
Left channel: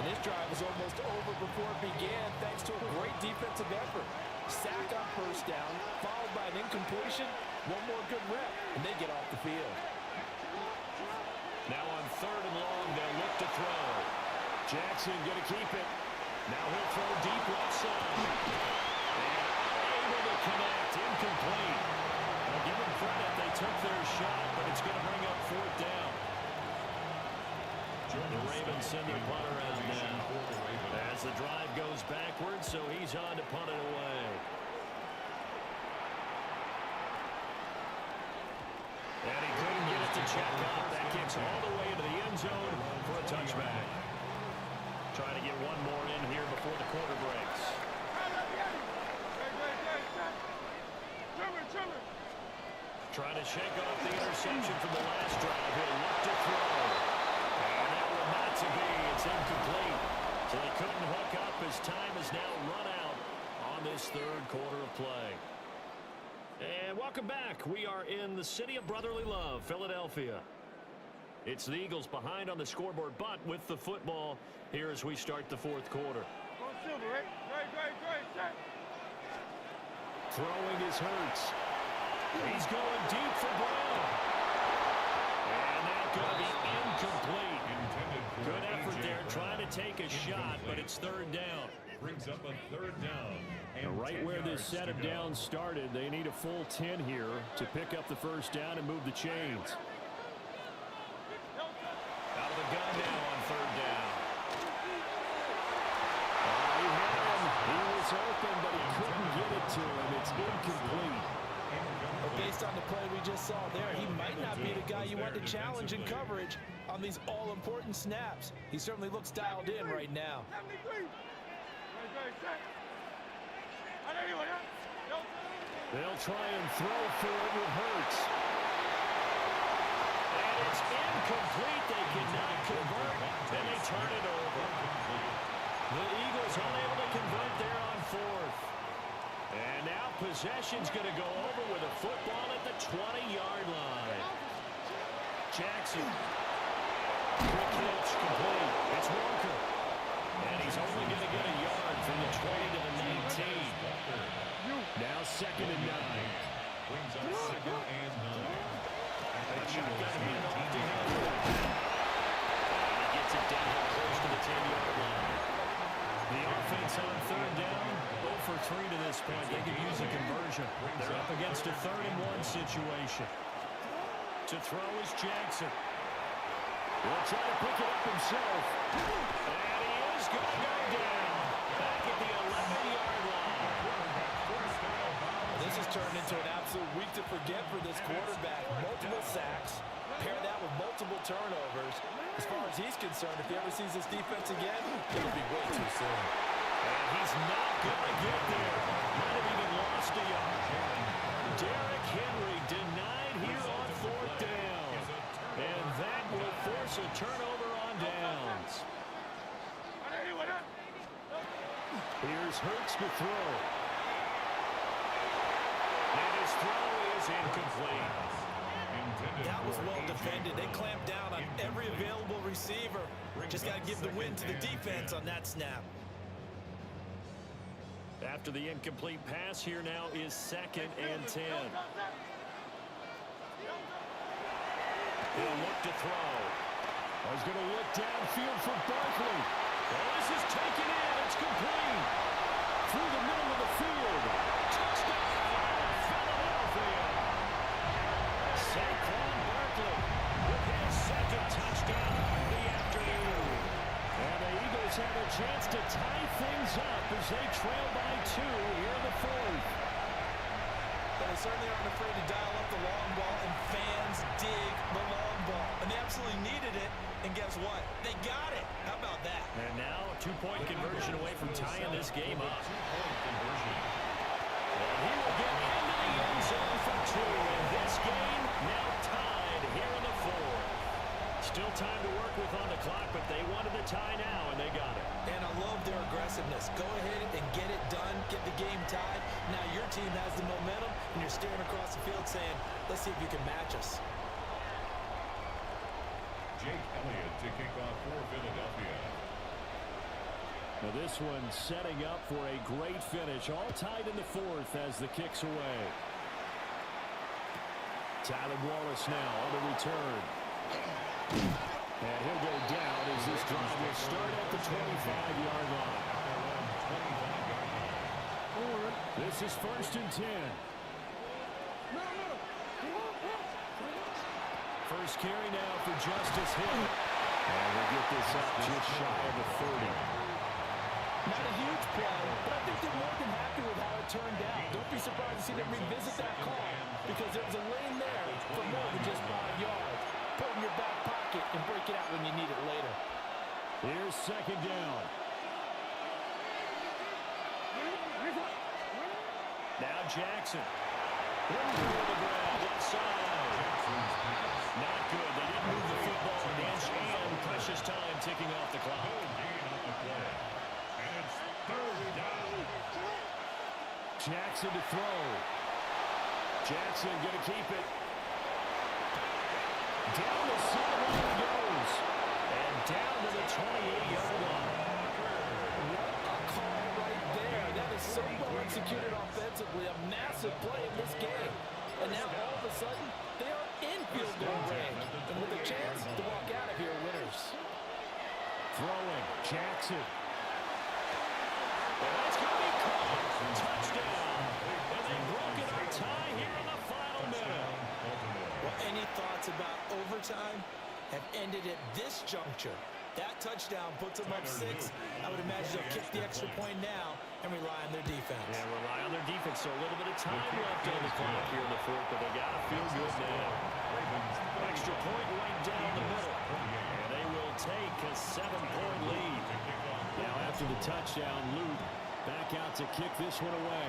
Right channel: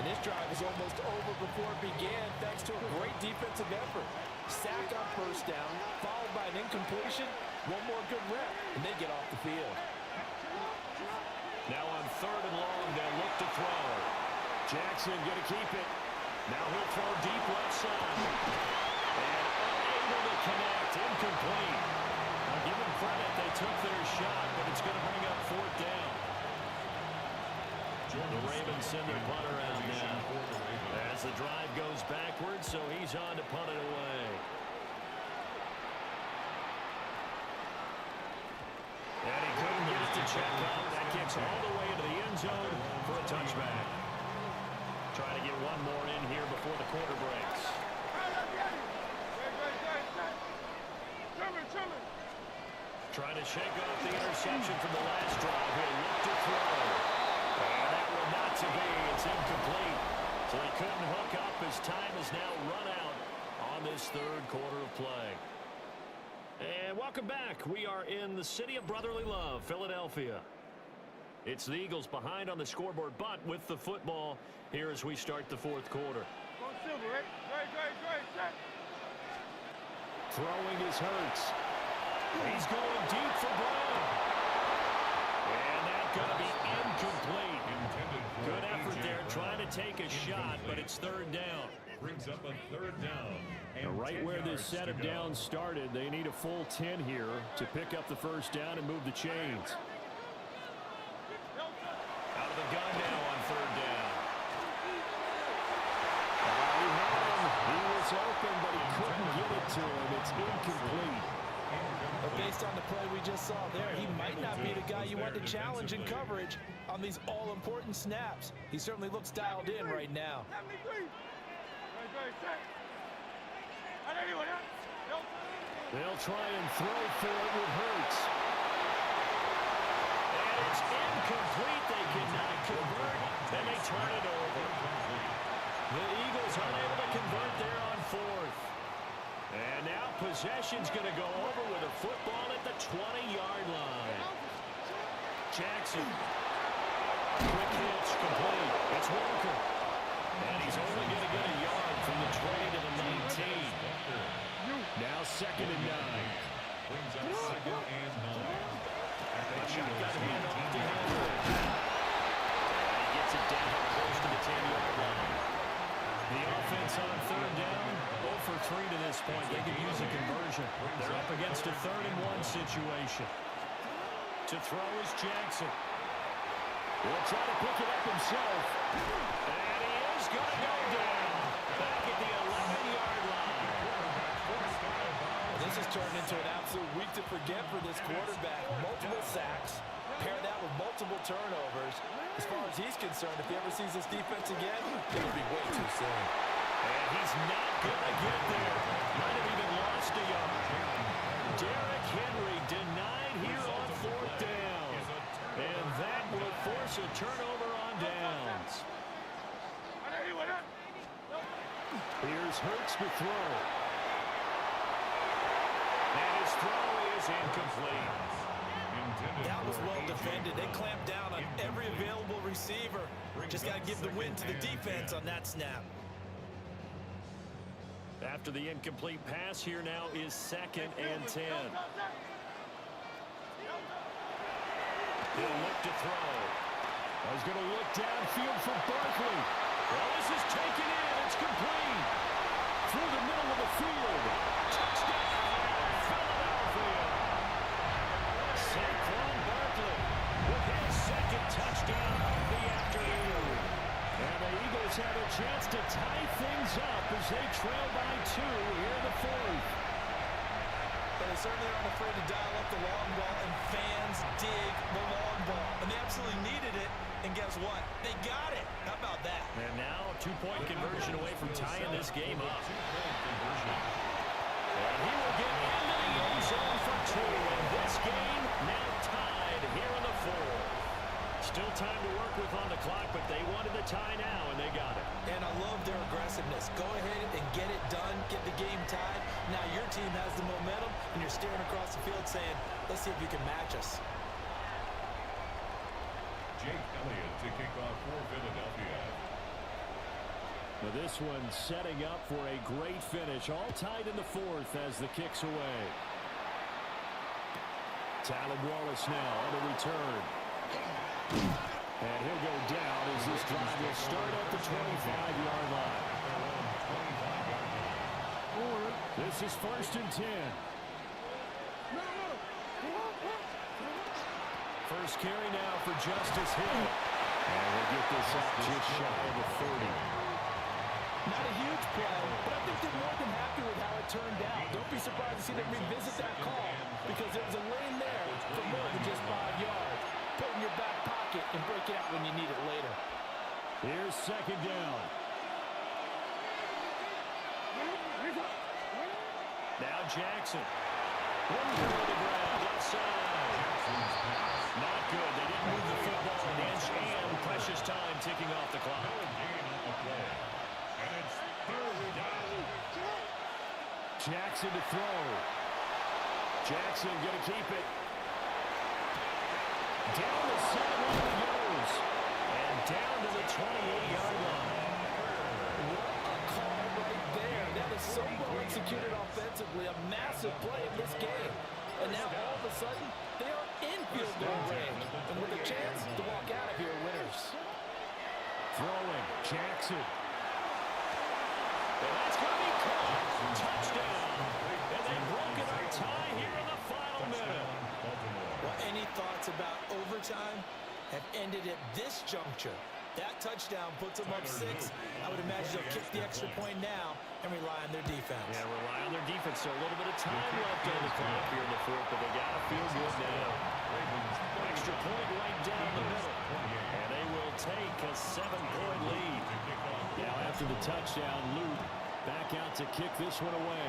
And this drive was almost over before it began thanks to a great defensive effort. Sack on 1st down, followed by an incompletion. One more good rep, and they get off the field. Now on 3rd and long, they'll look to throw. Jackson going to keep it. Now he'll throw deep left side. And unable to connect. Incomplete. Now give them credit. They took their shot, but it's going to bring up 4th down. The Ravens send their punter out now. As the drive goes backwards, so he's on to punt it away. And he couldn't get it to check up. That kicks all the way into the end zone for a touchback. Trying to get one more in here before the quarter breaks. Trying to shake off the interception from the last drive. He'll look to throw. And that will not to be. It's incomplete. So they couldn't hook up as time has now run out on this third quarter of play. And welcome back. We are in the city of brotherly love, Philadelphia. It's the Eagles behind on the scoreboard, but with the football here as we start the fourth quarter. Throwing is Hurts. He's going deep for Brown. And that's going to be incomplete. Good effort there trying to take a shot, but it's third down. Brings up a third down. And right where this set of downs started, they need a full 10 here to pick up the first down and move the chains. Out of the gun now on third down. He had him. He was open, but he couldn't get it to him. It's incomplete. But based on the play we just saw there, he might not be the guy you want to challenge in coverage on these all-important snaps. He certainly looks dialed in right now. They'll try and throw for it with Hurts. And it's incomplete. They cannot convert, and they turn it over. The Eagles unable to convert there on fourth. And now possession's going to go over with a football at the 20-yard line. Jackson. Quick hitch complete. It's Walker. And he's only going to get a yard from the 20 to the 19. Now second and 9. Brings up second and 9. A shotgun handoff to Henry. And he gets it down close to the 10-yard line. The offense on third down, 0 for 3 to this point. They could use a conversion. They're up against a 3rd-and-1 situation. To throw is Jackson. He'll try to pick it up himself. And he is going to go down. Back at the 11-yard line. This has turned into an absolute week to forget for this quarterback. Multiple sacks. Pair that with multiple turnovers. As far as he's concerned, if he ever sees this defense again, it'll be way too soon. And he's not going to get there. Might have even lost a yard. Derrick Henry denied here on 4th down. And that will force a turnover on downs. Here's Hurts to throw. And his throw is incomplete. That was well defended. They clamped down on every available receiver. Just got to give the win to the defense on that snap. After the incomplete pass, here now is 2nd and 10. He'll look to throw. Oh, he's going to look downfield for Barkley. Well, this is taken in. It's complete. Through the middle of the field. Touchdown, Philadelphia. Saquon Barkley with his 2nd touchdown of the afternoon. And the Eagles have a chance to tie things up as they trail by 2 here in the 4th. But they certainly aren't afraid to dial up the long ball, and fans dig the long ball. And they absolutely needed it, and guess what? They got it. How about that? And now a 2-point conversion away from tying this game up. And he will get into the end zone for 2. And this game now tied here in the 4th. Still time to work with on the clock, but they wanted the tie now, and they got it. And I love their aggressiveness. Go ahead and get it done, get the game tied. Now your team has the momentum, and you're staring across the field saying, let's see if you can match us. Jake Elliott to kick off for Philadelphia. Now this one setting up for a great finish. All tied in the 4th as the kick's away. Tyler Wallace now on the return. And he'll go down as this drive will start at the 25-yard line. This is 1st and 10. First carry now for Justice Hill. And we'll get this up just shy of the 30. Not a huge play, but I think they're more than happy with how it turned out. Don't be surprised to see them revisit that call because there was a lane there for more than just 5 yards. Put it in your back pocket and break it out when you need it later. Here's 2nd down. Now Jackson. One to the ground, left side. Not good. They didn't move the football an inch, and precious time ticking off the clock. No gain on the play. Jackson to throw. Jackson going to keep it. Down the sideline he goes. And down to the 28-yard line. What a call right there. That is so well executed offensively. A massive play in this game. And now all of a sudden, they are in field goal range. And with a chance to walk out of here winners. Throwing. Jackson. And that's going to be caught. Touchdown. And they've broken our tie here in the final minute. Well, any thoughts about overtime have ended at this juncture. That touchdown puts them up 6. I would imagine they'll kick the extra point now and rely on their defense. Yeah, rely on their defense. So a little bit of time left on the clock here in the fourth, but they got to feel good now. Extra point right down the middle. And they will take a 7-point lead. Now after the touchdown, Luke back out to kick this one away.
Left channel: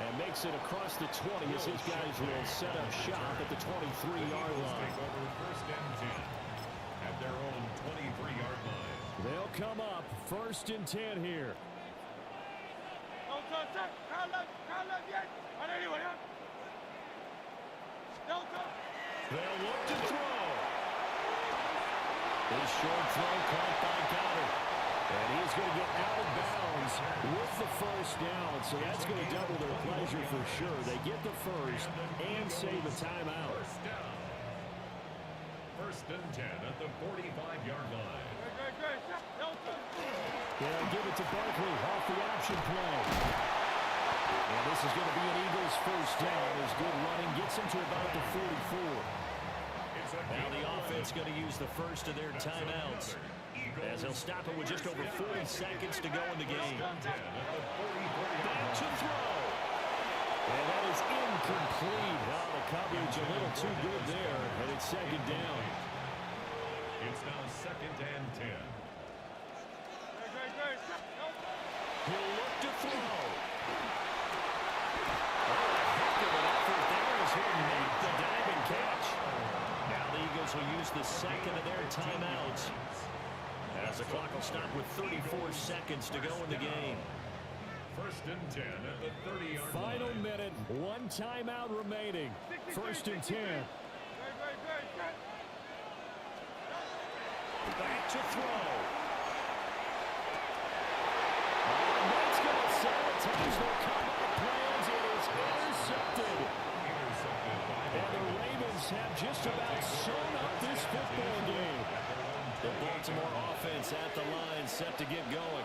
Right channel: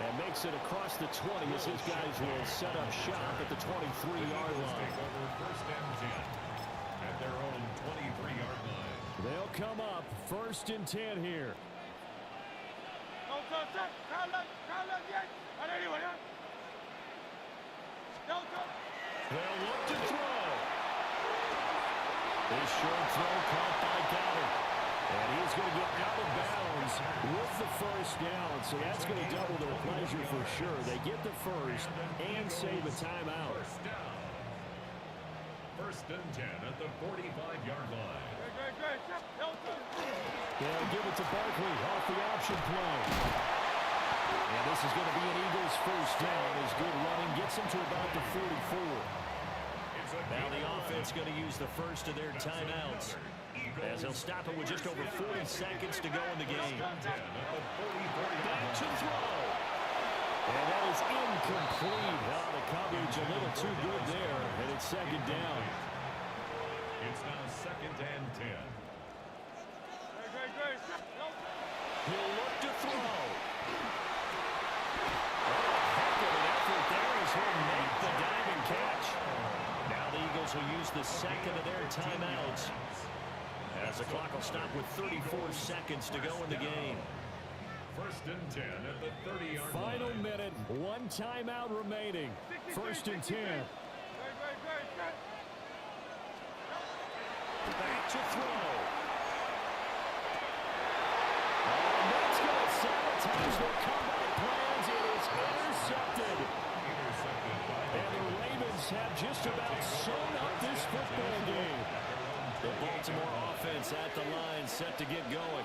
And makes it across the 20 as his guys will set up shop at the 23-yard line. First and 10 at their own 23-yard line. They'll come up first and 10 here. They'll look to throw. This short throw caught by Goddard. And he's going to get out of bounds with the first down. So that's going to double their pleasure for sure. They get the first and save a timeout. First and 10 at the 45-yard line. They'll give it to Barkley off the option play. And this is going to be an Eagles first down as good running gets him to about the 44. Now the offense going to use the first of their timeouts as they'll stop it with just over 40 seconds to go in the game. Back to throw. And that is incomplete. Oh, the coverage a little too good there, and it's second down. It's now second and 10. He'll look to throw. Oh, a heck of an effort there as he'll make the diving catch. Now the Eagles will use the second of their timeouts as the clock will stop with 34 seconds to go in the game. First and 10 at the 30-yard line. Final minute, one timeout remaining. First and 10. Back to throw. And that's going to sabotage their comeback plans. It is intercepted. And the Ravens have just about sewn up this football game. The Baltimore offense at the line set to get going.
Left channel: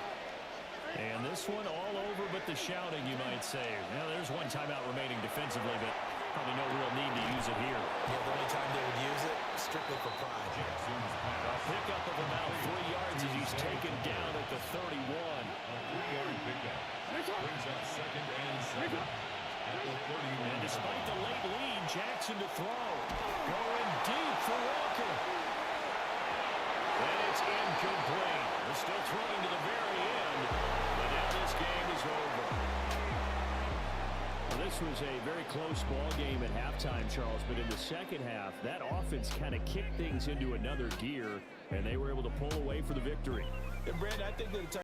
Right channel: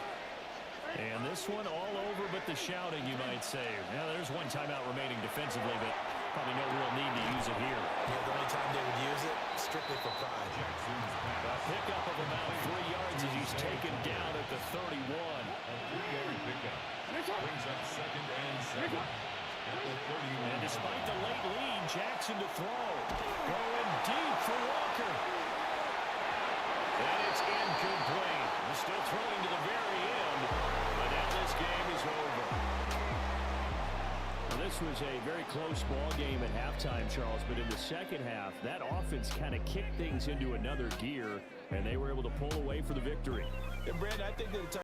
And this one all over but the shouting, you might say. Now, there's one timeout remaining defensively, but probably no real need to use it here. Yeah, the only time they would use it, strictly for pride. A pickup of about 3 yards as he's taken down at the 31. A 3-yard pickup. Brings up second and 7 at the 31. And despite the late lead, Jackson to throw. Going deep for Walker. And it's incomplete. They're still throwing to the very end, but now this game is over. Well, this was a very close ball game at halftime, Charles, but in the second half, that offense kind of kicked things into another gear, and they were able to pull away for the victory. And Brandon, I think that